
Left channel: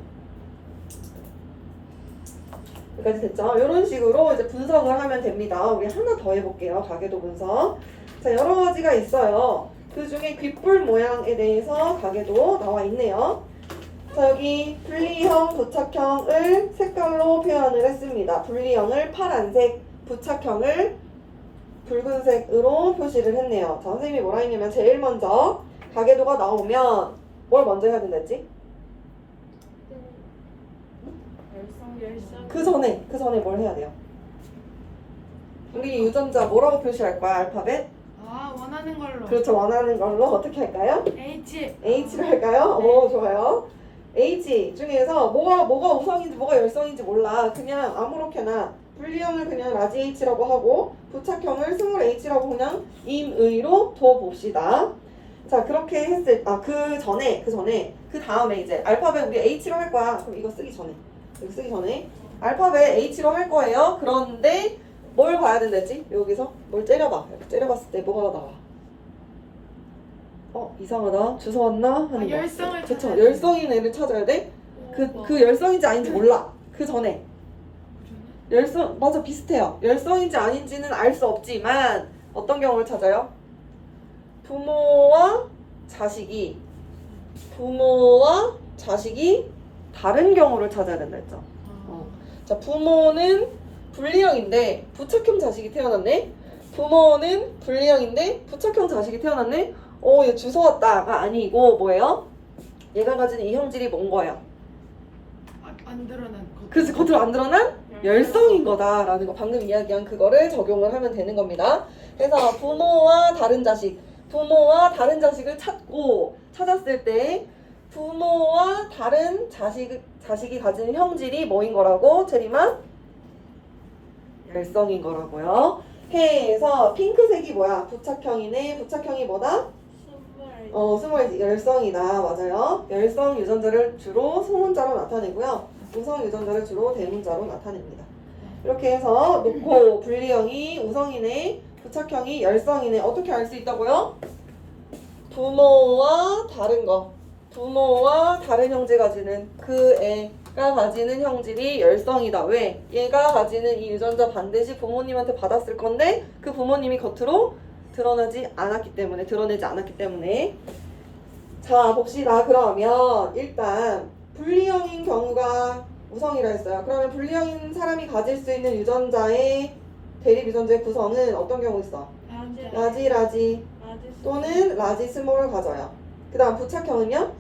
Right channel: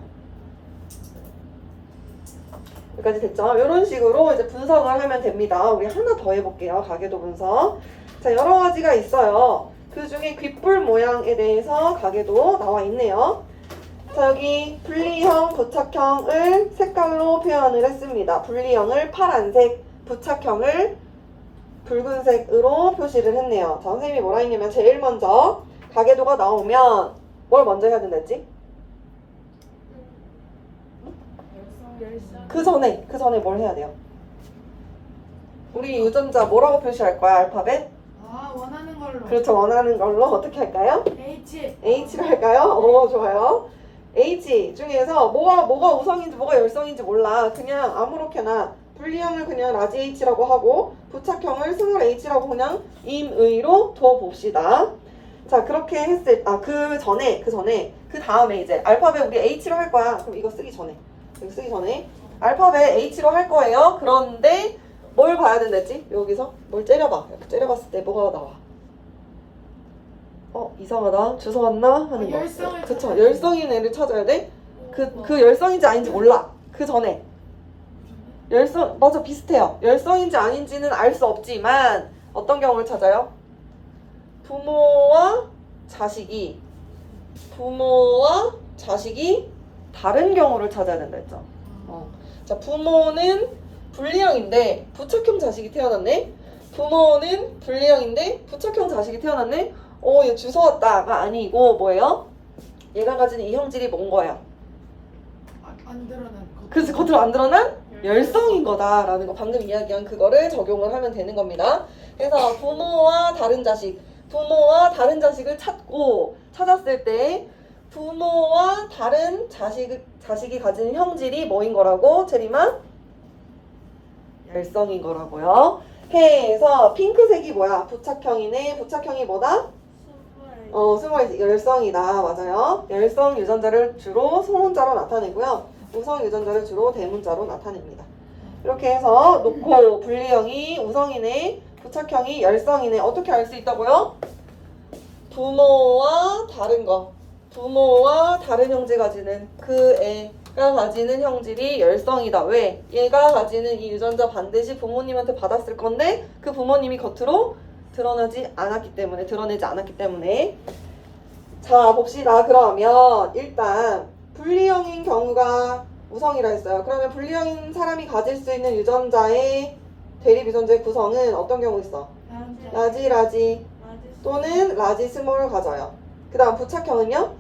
여기까지 됐죠? 이런 식으로 이제 분석을 하면 됩니다. 우리 하나 더 해볼게요. 가계도 분석. 자, 여러 가지가 있어요. 그 중에 귓불 모양에 대해서 가계도 나와 있네요. 자, 여기 분리형, 부착형을 색깔로 표현을 했습니다. 분리형을 파란색, 부착형을 붉은색으로 표시를 했네요. 자, 선생님이 뭐라 했냐면 제일 먼저 가계도가 나오면 뭘 먼저 해야 된댔지? 그 전에 뭘 해야 돼요? 우리 유전자 뭐라고 표시할 거야? 알파벳? 아, 원하는 걸로. 그렇죠. 원하는 걸로 어떻게 할까요? H. H를 할까요? 오, 좋아요. H 중에서 뭐가 우성인지 뭐가 열성인지 몰라. 그냥 아무렇게나 분리형을 그냥 라지 H라고 하고 부착형을 스몰 H라고 그냥 임의로 둬봅시다. 자, 그렇게 했을 그 다음에 이제 알파벳 우리 H로 할 거야. 그럼 이거 쓰기 전에 알파벳 H로 할 거예요. 그런데 뭘 봐야 된댔지? 여기서 뭘 째려봐. 이렇게 째려봤을 때 뭐가 나와? 이상하다. 주워 왔나? 하는 거. 열성을 그쵸. 찾아야 열성인 애를 찾아야 돼. 그 열성인지 아닌지 몰라. 그 전에. 맞아, 비슷해요. 열성인지 아닌지는 알 수 없지만 어떤 경우를 찾아요? 부모와 자식이 다른 경우를 찾아야 된다 했죠. 자, 부모는 분리형인데 부착형 자식이 태어났네. 부모는 분리형인데 부착형 자식이 태어났네. 얘 주워왔다가 아니고 뭐예요? 얘가 가진 이 형질이 뭔 거예요? 안 드러난 것. 그래서 겉으로 안 드러난 열성인 거다라는 거, 방금 이야기한 그거를 적용을 하면 되는 겁니다. 그래서 부모와 다른 자식을 찾았을 때 부모와 다른 자식이 가진 형질이 뭐인 거라고? 제리마? 열성인 거라고요. 해서 핑크색이 뭐야? 부착형이네. 부착형이 뭐다? 스몰 열성이다. 맞아요. 열성 유전자를 주로 소문자로 나타내고요. 우성 유전자를 주로 대문자로 나타냅니다. 이렇게 해서 놓고 분리형이 우성이네, 부착형이 열성이네. 어떻게 알 수 있다고요? 부모와 다른 형제 가지는 그 애가 가지는 형질이 열성이다. 왜? 얘가 가지는 이 유전자 반드시 부모님한테 받았을 건데 그 부모님이 겉으로 드러내지 않았기 때문에. 자, 봅시다. 그러면 일단 분리형인 경우가 우성이라 했어요. 그러면 분리형인 사람이 가질 수 있는 유전자의 대립 유전자의 구성은 어떤 경우 있어? 라지 또는 라지 스몰을 가져요. 그 다음 부착형은요?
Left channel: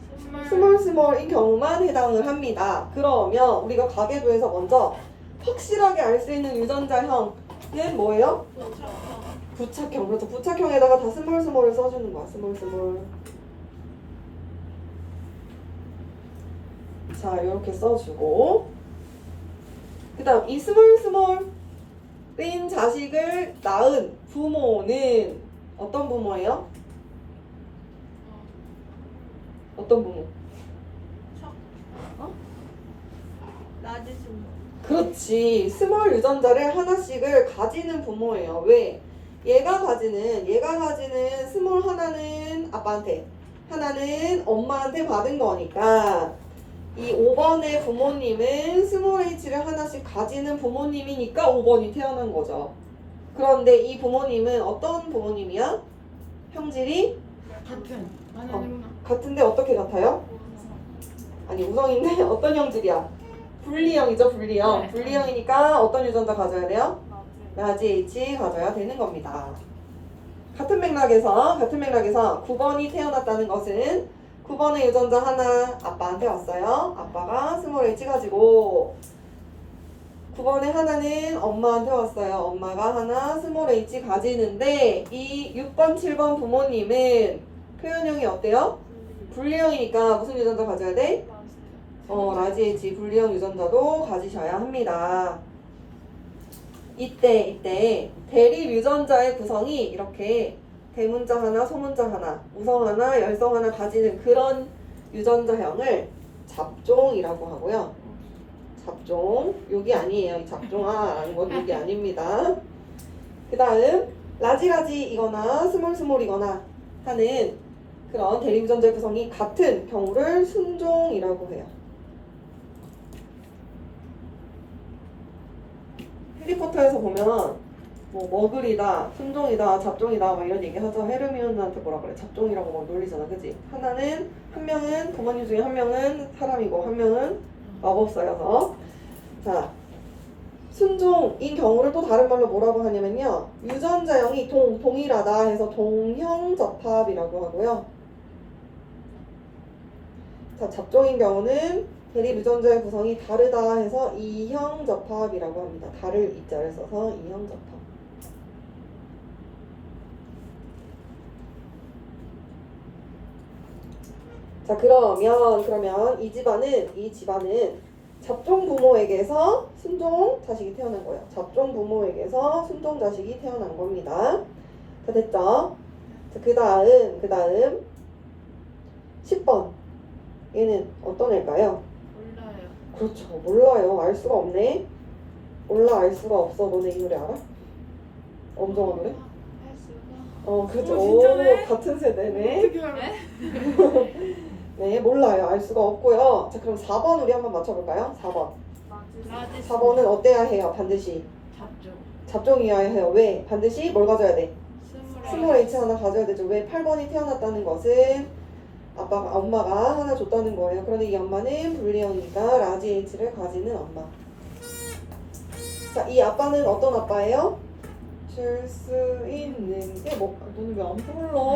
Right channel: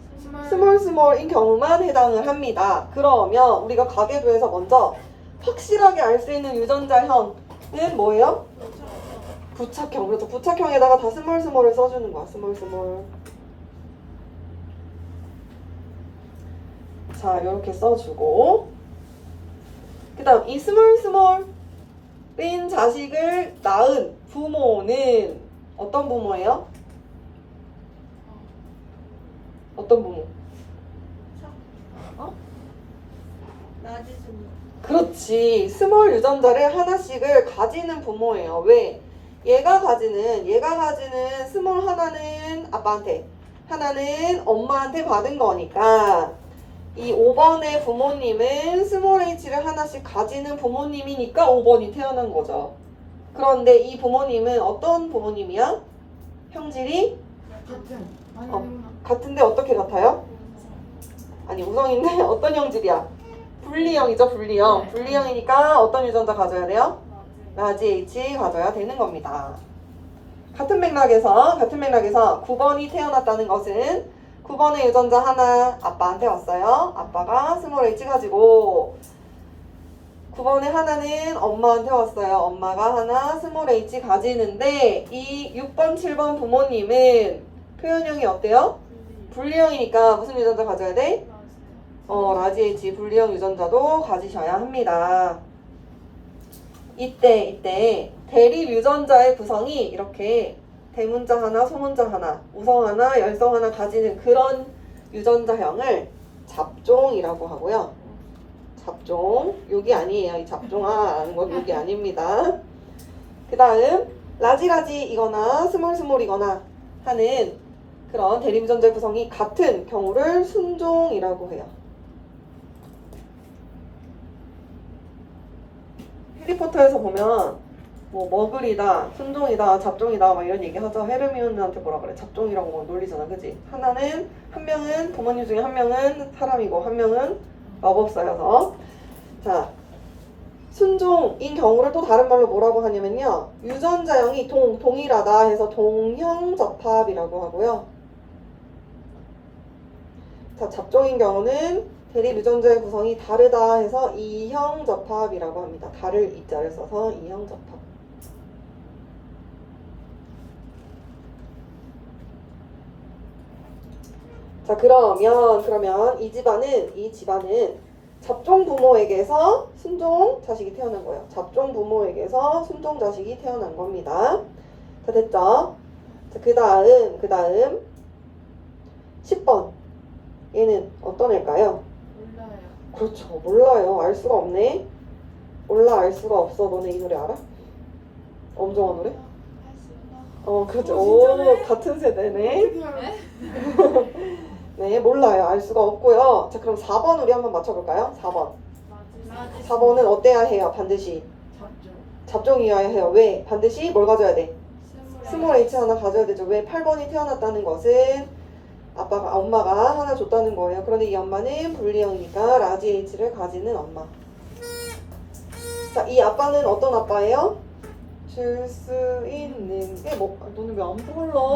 스몰인 경우만 해당을 합니다. 그러면 우리가 가계도에서 먼저 확실하게 알 수 있는 유전자형은 뭐예요? 부착형. 그렇죠. 부착형에다가 다 스몰을 써주는 거야. 스몰. 자, 이렇게 써주고, 그 다음 이 스몰인 자식을 낳은 부모는 어떤 부모예요? 어떤 부모? 라지 스몰. 그렇지. 스몰 유전자를 하나씩을 가지는 부모예요. 왜? 얘가 가지는 스몰 하나는 아빠한테, 하나는 엄마한테 받은 거니까 이 5번의 부모님은 스몰 H를 하나씩 가지는 부모님이니까 5번이 태어난 거죠. 그런데 이 부모님은 어떤 부모님이야? 형질이 같은데 어떻게 같아요? 아니, 우성인데 어떤 형질이야? 분리형이죠, 분리형. 네. 분리형이니까 어떤 유전자 가져야 돼요? 라지 H 가져야 되는 겁니다. 같은 맥락에서 9번이 태어났다는 것은 9번의 유전자 하나 아빠한테 왔어요. 아빠가 스몰 H 가지고 9번의 하나는 엄마한테 왔어요. 엄마가 하나 스몰 H 가지는데 이 6번, 7번 부모님은 표현형이 어때요? 분리형이니까 무슨 유전자 가져야 돼? 라지 H 분리형 유전자도 가지셔야 합니다. 이때 대립 유전자의 구성이 이렇게 대문자 하나, 소문자 하나, 우성 하나, 열성 하나 가지는 그런 유전자형을 잡종이라고 하고요. 잡종, 여기 아니에요. 이 잡종아라는 건 여기 아닙니다. 그 다음 라지이거나 스몰이거나 하는 그런 대립 유전자 구성이 같은 경우를 순종이라고 해요. 해리포터에서 보면 뭐 머글이다, 순종이다, 잡종이다 막 이런 얘기 하죠. 헤르미온느한테 뭐라 그래? 잡종이라고 막 놀리잖아, 그지? 한 명은 부모님 중에 한 명은 사람이고 한 명은 마법사여서. 자, 순종인 경우를 또 다른 말로 뭐라고 하냐면요. 유전자형이 동일하다 해서 동형접합이라고 하고요. 자, 잡종인 경우는 대립 유전자의 구성이 다르다 해서 이형접합이라고 합니다. 다를 이자를 써서 이형접합. 자, 그러면 이 집안은 잡종 부모에게서 순종 자식이 태어난 거예요. 잡종 부모에게서 순종 자식이 태어난 겁니다. 자, 됐죠? 자, 그 다음 10번. 얘는 어떤 애일까요? 몰라요. 그렇죠. 몰라요. 알 수가 없네. 몰라, 알 수가 없어. 너네 이 노래 알아? 엄정화 노래? 할 수가. 그렇죠. 진짜네? 같은 세대네. 어떻게 알아? 네, 몰라요. 알 수가 없고요. 자, 그럼 4번 우리 한번 맞춰볼까요? 4번. 라지 4번은 어때야 해요? 반드시. 잡종. 잡종이어야 해요. 왜? 반드시 뭘 가져야 돼? 스몰 스물에 H 하나 가져야 되죠. 왜? 8번이 태어났다는 것은 엄마가 하나 줬다는 거예요. 그런데 이 엄마는 분리형이니까 라지 H를 가지는 엄마. 자, 이 아빠는 어떤 아빠예요? 줄 수 있는 게 뭐? 너는 왜 안 불러?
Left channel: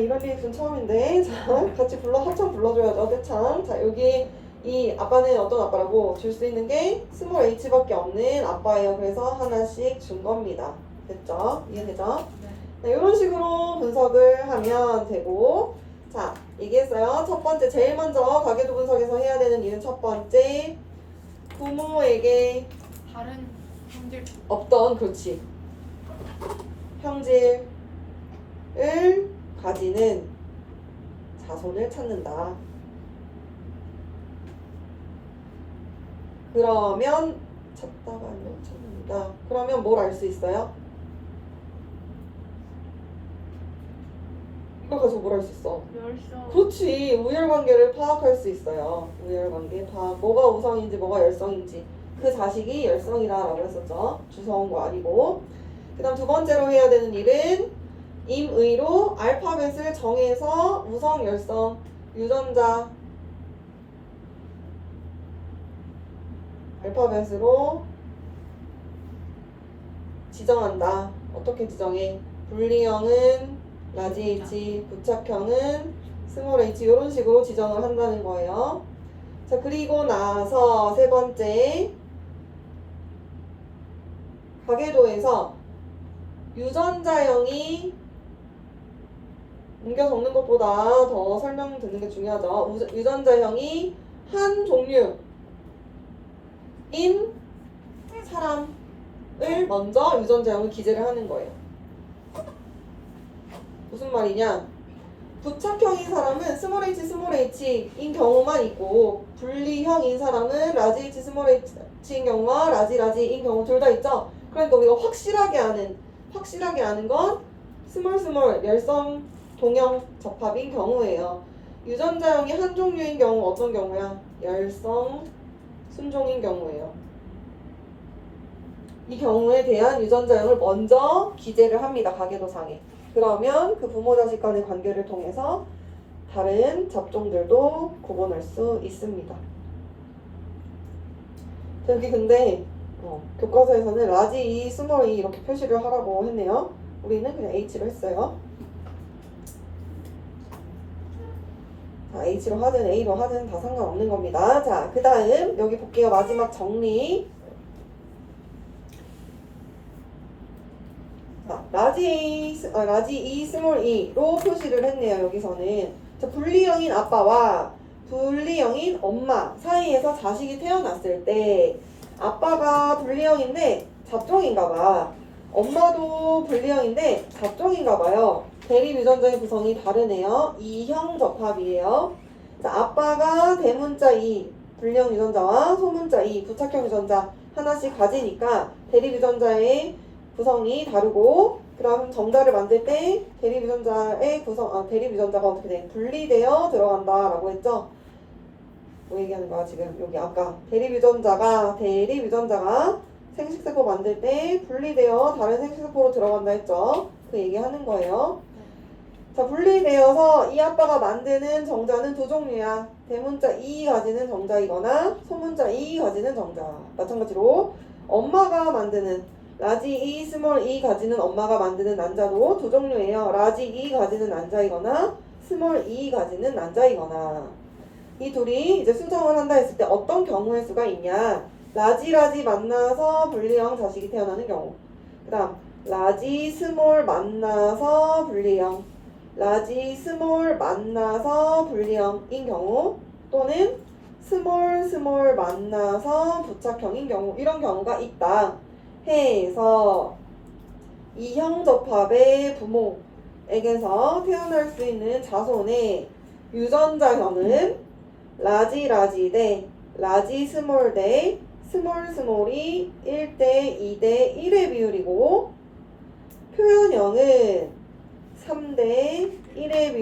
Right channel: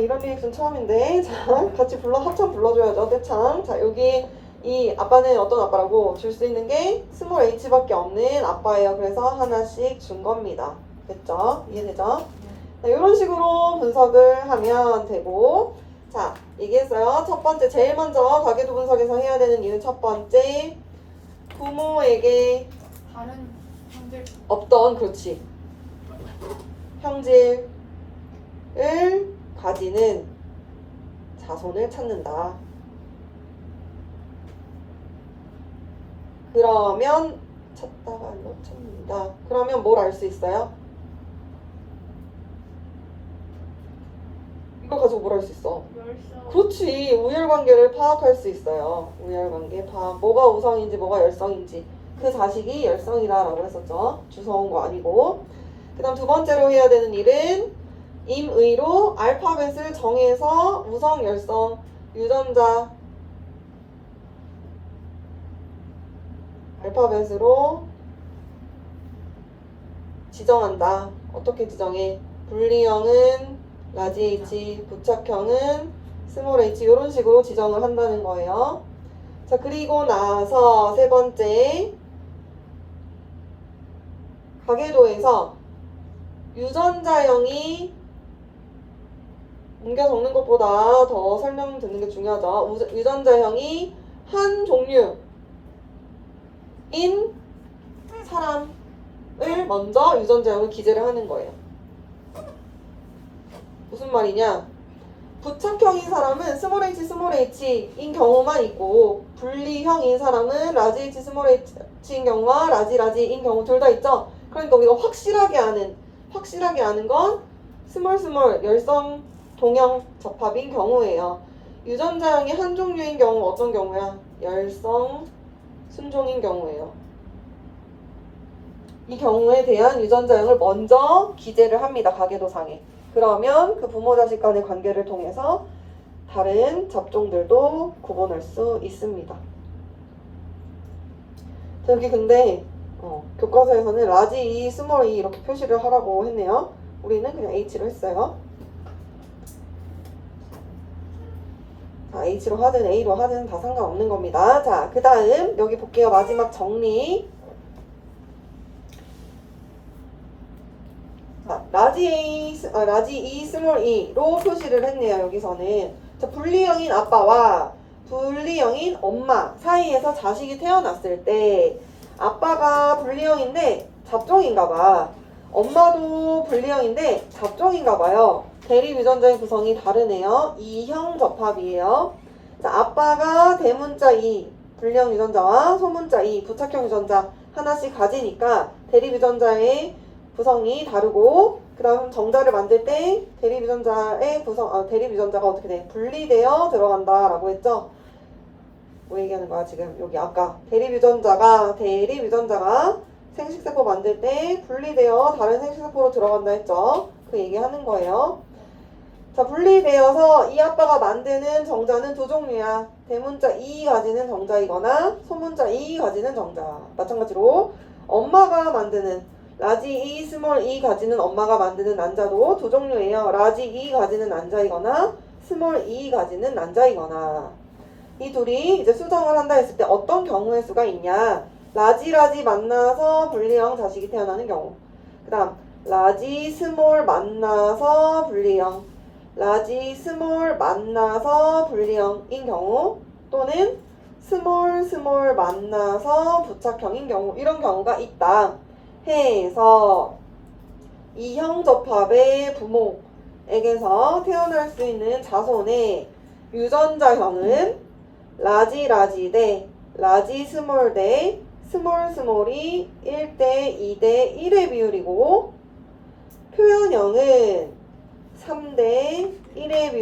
이런 리액션 처음인데. 자, 같이 합창 불러줘야죠. 떼창. 자, 여기 이 아빠는 어떤 아빠라고? 줄 수 있는 게 스몰 H밖에 없는 아빠예요. 그래서 하나씩 준 겁니다. 됐죠? 이해되죠? 자, 이런 식으로 분석을 하면 되고, 자, 얘기했어요. 첫 번째, 제일 먼저 가계도 분석에서 해야 되는 일은 첫 번째, 부모에게 다른 형들 없던, 그렇지, 형질을 가지는 자손을 찾는다. 그러면 찾다가 찾는다. 그러면 뭘 알 수 있어요? 이걸 가지고 뭘 할 수 있어? 열성. 그렇지. 우열관계를 파악할 수 있어요. 우열관계 파악. 뭐가 우성인지 뭐가 열성인지. 그 자식이 열성이다라고 했었죠. 주워온 거 아니고. 그 다음 두 번째로 해야 되는 일은 임의로 알파벳을 정해서 우성, 열성, 유전자 알파벳으로 지정한다. 어떻게 지정해? 분리형은 라지 H, 부착형은 스몰 H 이런 식으로 지정을 한다는 거예요. 자, 그리고 나서 세 번째, 가계도에서 유전자형이 옮겨 적는 것보다 더 설명 듣는 게 중요하죠. 유전자형이 한 종류인 사람을 먼저 유전자형을 기재를 하는 거예요. 무슨 말이냐? 부착형인 사람은 스몰 H인 경우만 있고 분리형인 사람은 라지 H 스몰 H인 경우와 라지인 경우 둘 다 있죠. 그러니까 우리가 확실하게 아는 건 스몰 열성 동형 접합인 경우예요. 유전자형이 한 종류인 경우 어떤 경우야? 열성 순종인 경우예요. 이 경우에 대한 유전자형을 먼저 기재를 합니다. 가계도상에. 그러면 그 부모 자식 간의 관계를 통해서 다른 잡종들도 구분할 수 있습니다. 여기 근데 교과서에서는 라지 E, 스몰 E 이렇게 표시를 하라고 했네요. 우리는 그냥 H로 했어요. 자, H로 하든 A로 하든 다 상관없는 겁니다. 자, 그 다음 여기 볼게요. 마지막 정리. 자, 라지 E, 스몰 E로 표시를 했네요. 여기서는. 자, 분리형인 아빠와 분리형인 엄마 사이에서 자식이 태어났을 때 아빠가 분리형인데 잡종인가봐. 엄마도 분리형인데 잡종인가봐요. 대립 유전자의 구성이 다르네요. 이형 접합이에요. 자, 아빠가 대문자 2 분리형 유전자와 소문자 2 부착형 유전자 하나씩 가지니까 대립 유전자의 구성이 다르고, 그럼 정자를 만들 때 대립 유전자가 어떻게 돼? 분리되어 들어간다라고 했죠. 뭐 얘기하는 거야 지금? 여기 아까 대립 유전자가 생식세포 만들 때 분리되어 다른 생식세포로 들어간다 했죠. 그 얘기하는 거예요. 자, 분리되어서 이 아빠가 만드는 정자는 두 종류야. 대문자 이 가지는 정자이거나 소문자 이 가지는 정자. 마찬가지로 엄마가 만드는 라지 이, 스몰 이 가지는 엄마가 만드는 난자도 두 종류예요. 라지 이 가지는 난자이거나 스몰 이 가지는 난자이거나. 이 둘이 이제 수정을 한다 했을 때 어떤 경우의 수가 있냐? 라지 만나서 분리형 자식이 태어나는 경우. 그 다음 라지 스몰 만나서 분리형, 라지 스몰 만나서 분리형인 경우, 또는 스몰 만나서 부착형인 경우, 이런 경우가 있다 해서 이형 접합의 부모에게서 태어날 수 있는 자손의 유전자형은 라지 대 라지 스몰 대 스몰이 1대 2대 1의 비율이고, 표현형은 3대 1의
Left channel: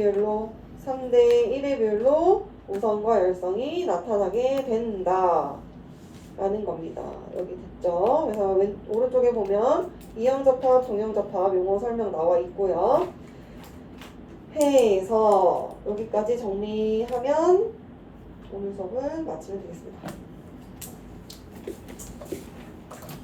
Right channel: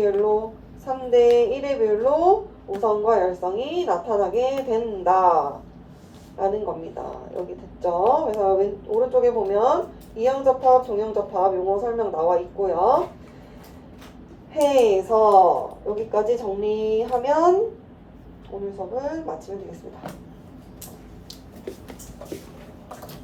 비율로 우성과 열성이 나타나게 된다 라는 겁니다. 여기 됐죠? 그래서 오른쪽에 보면 이형접합, 종형접합 용어 설명 나와 있고요. 해서 여기까지 정리하면 오늘 수업은 마치면 되겠습니다.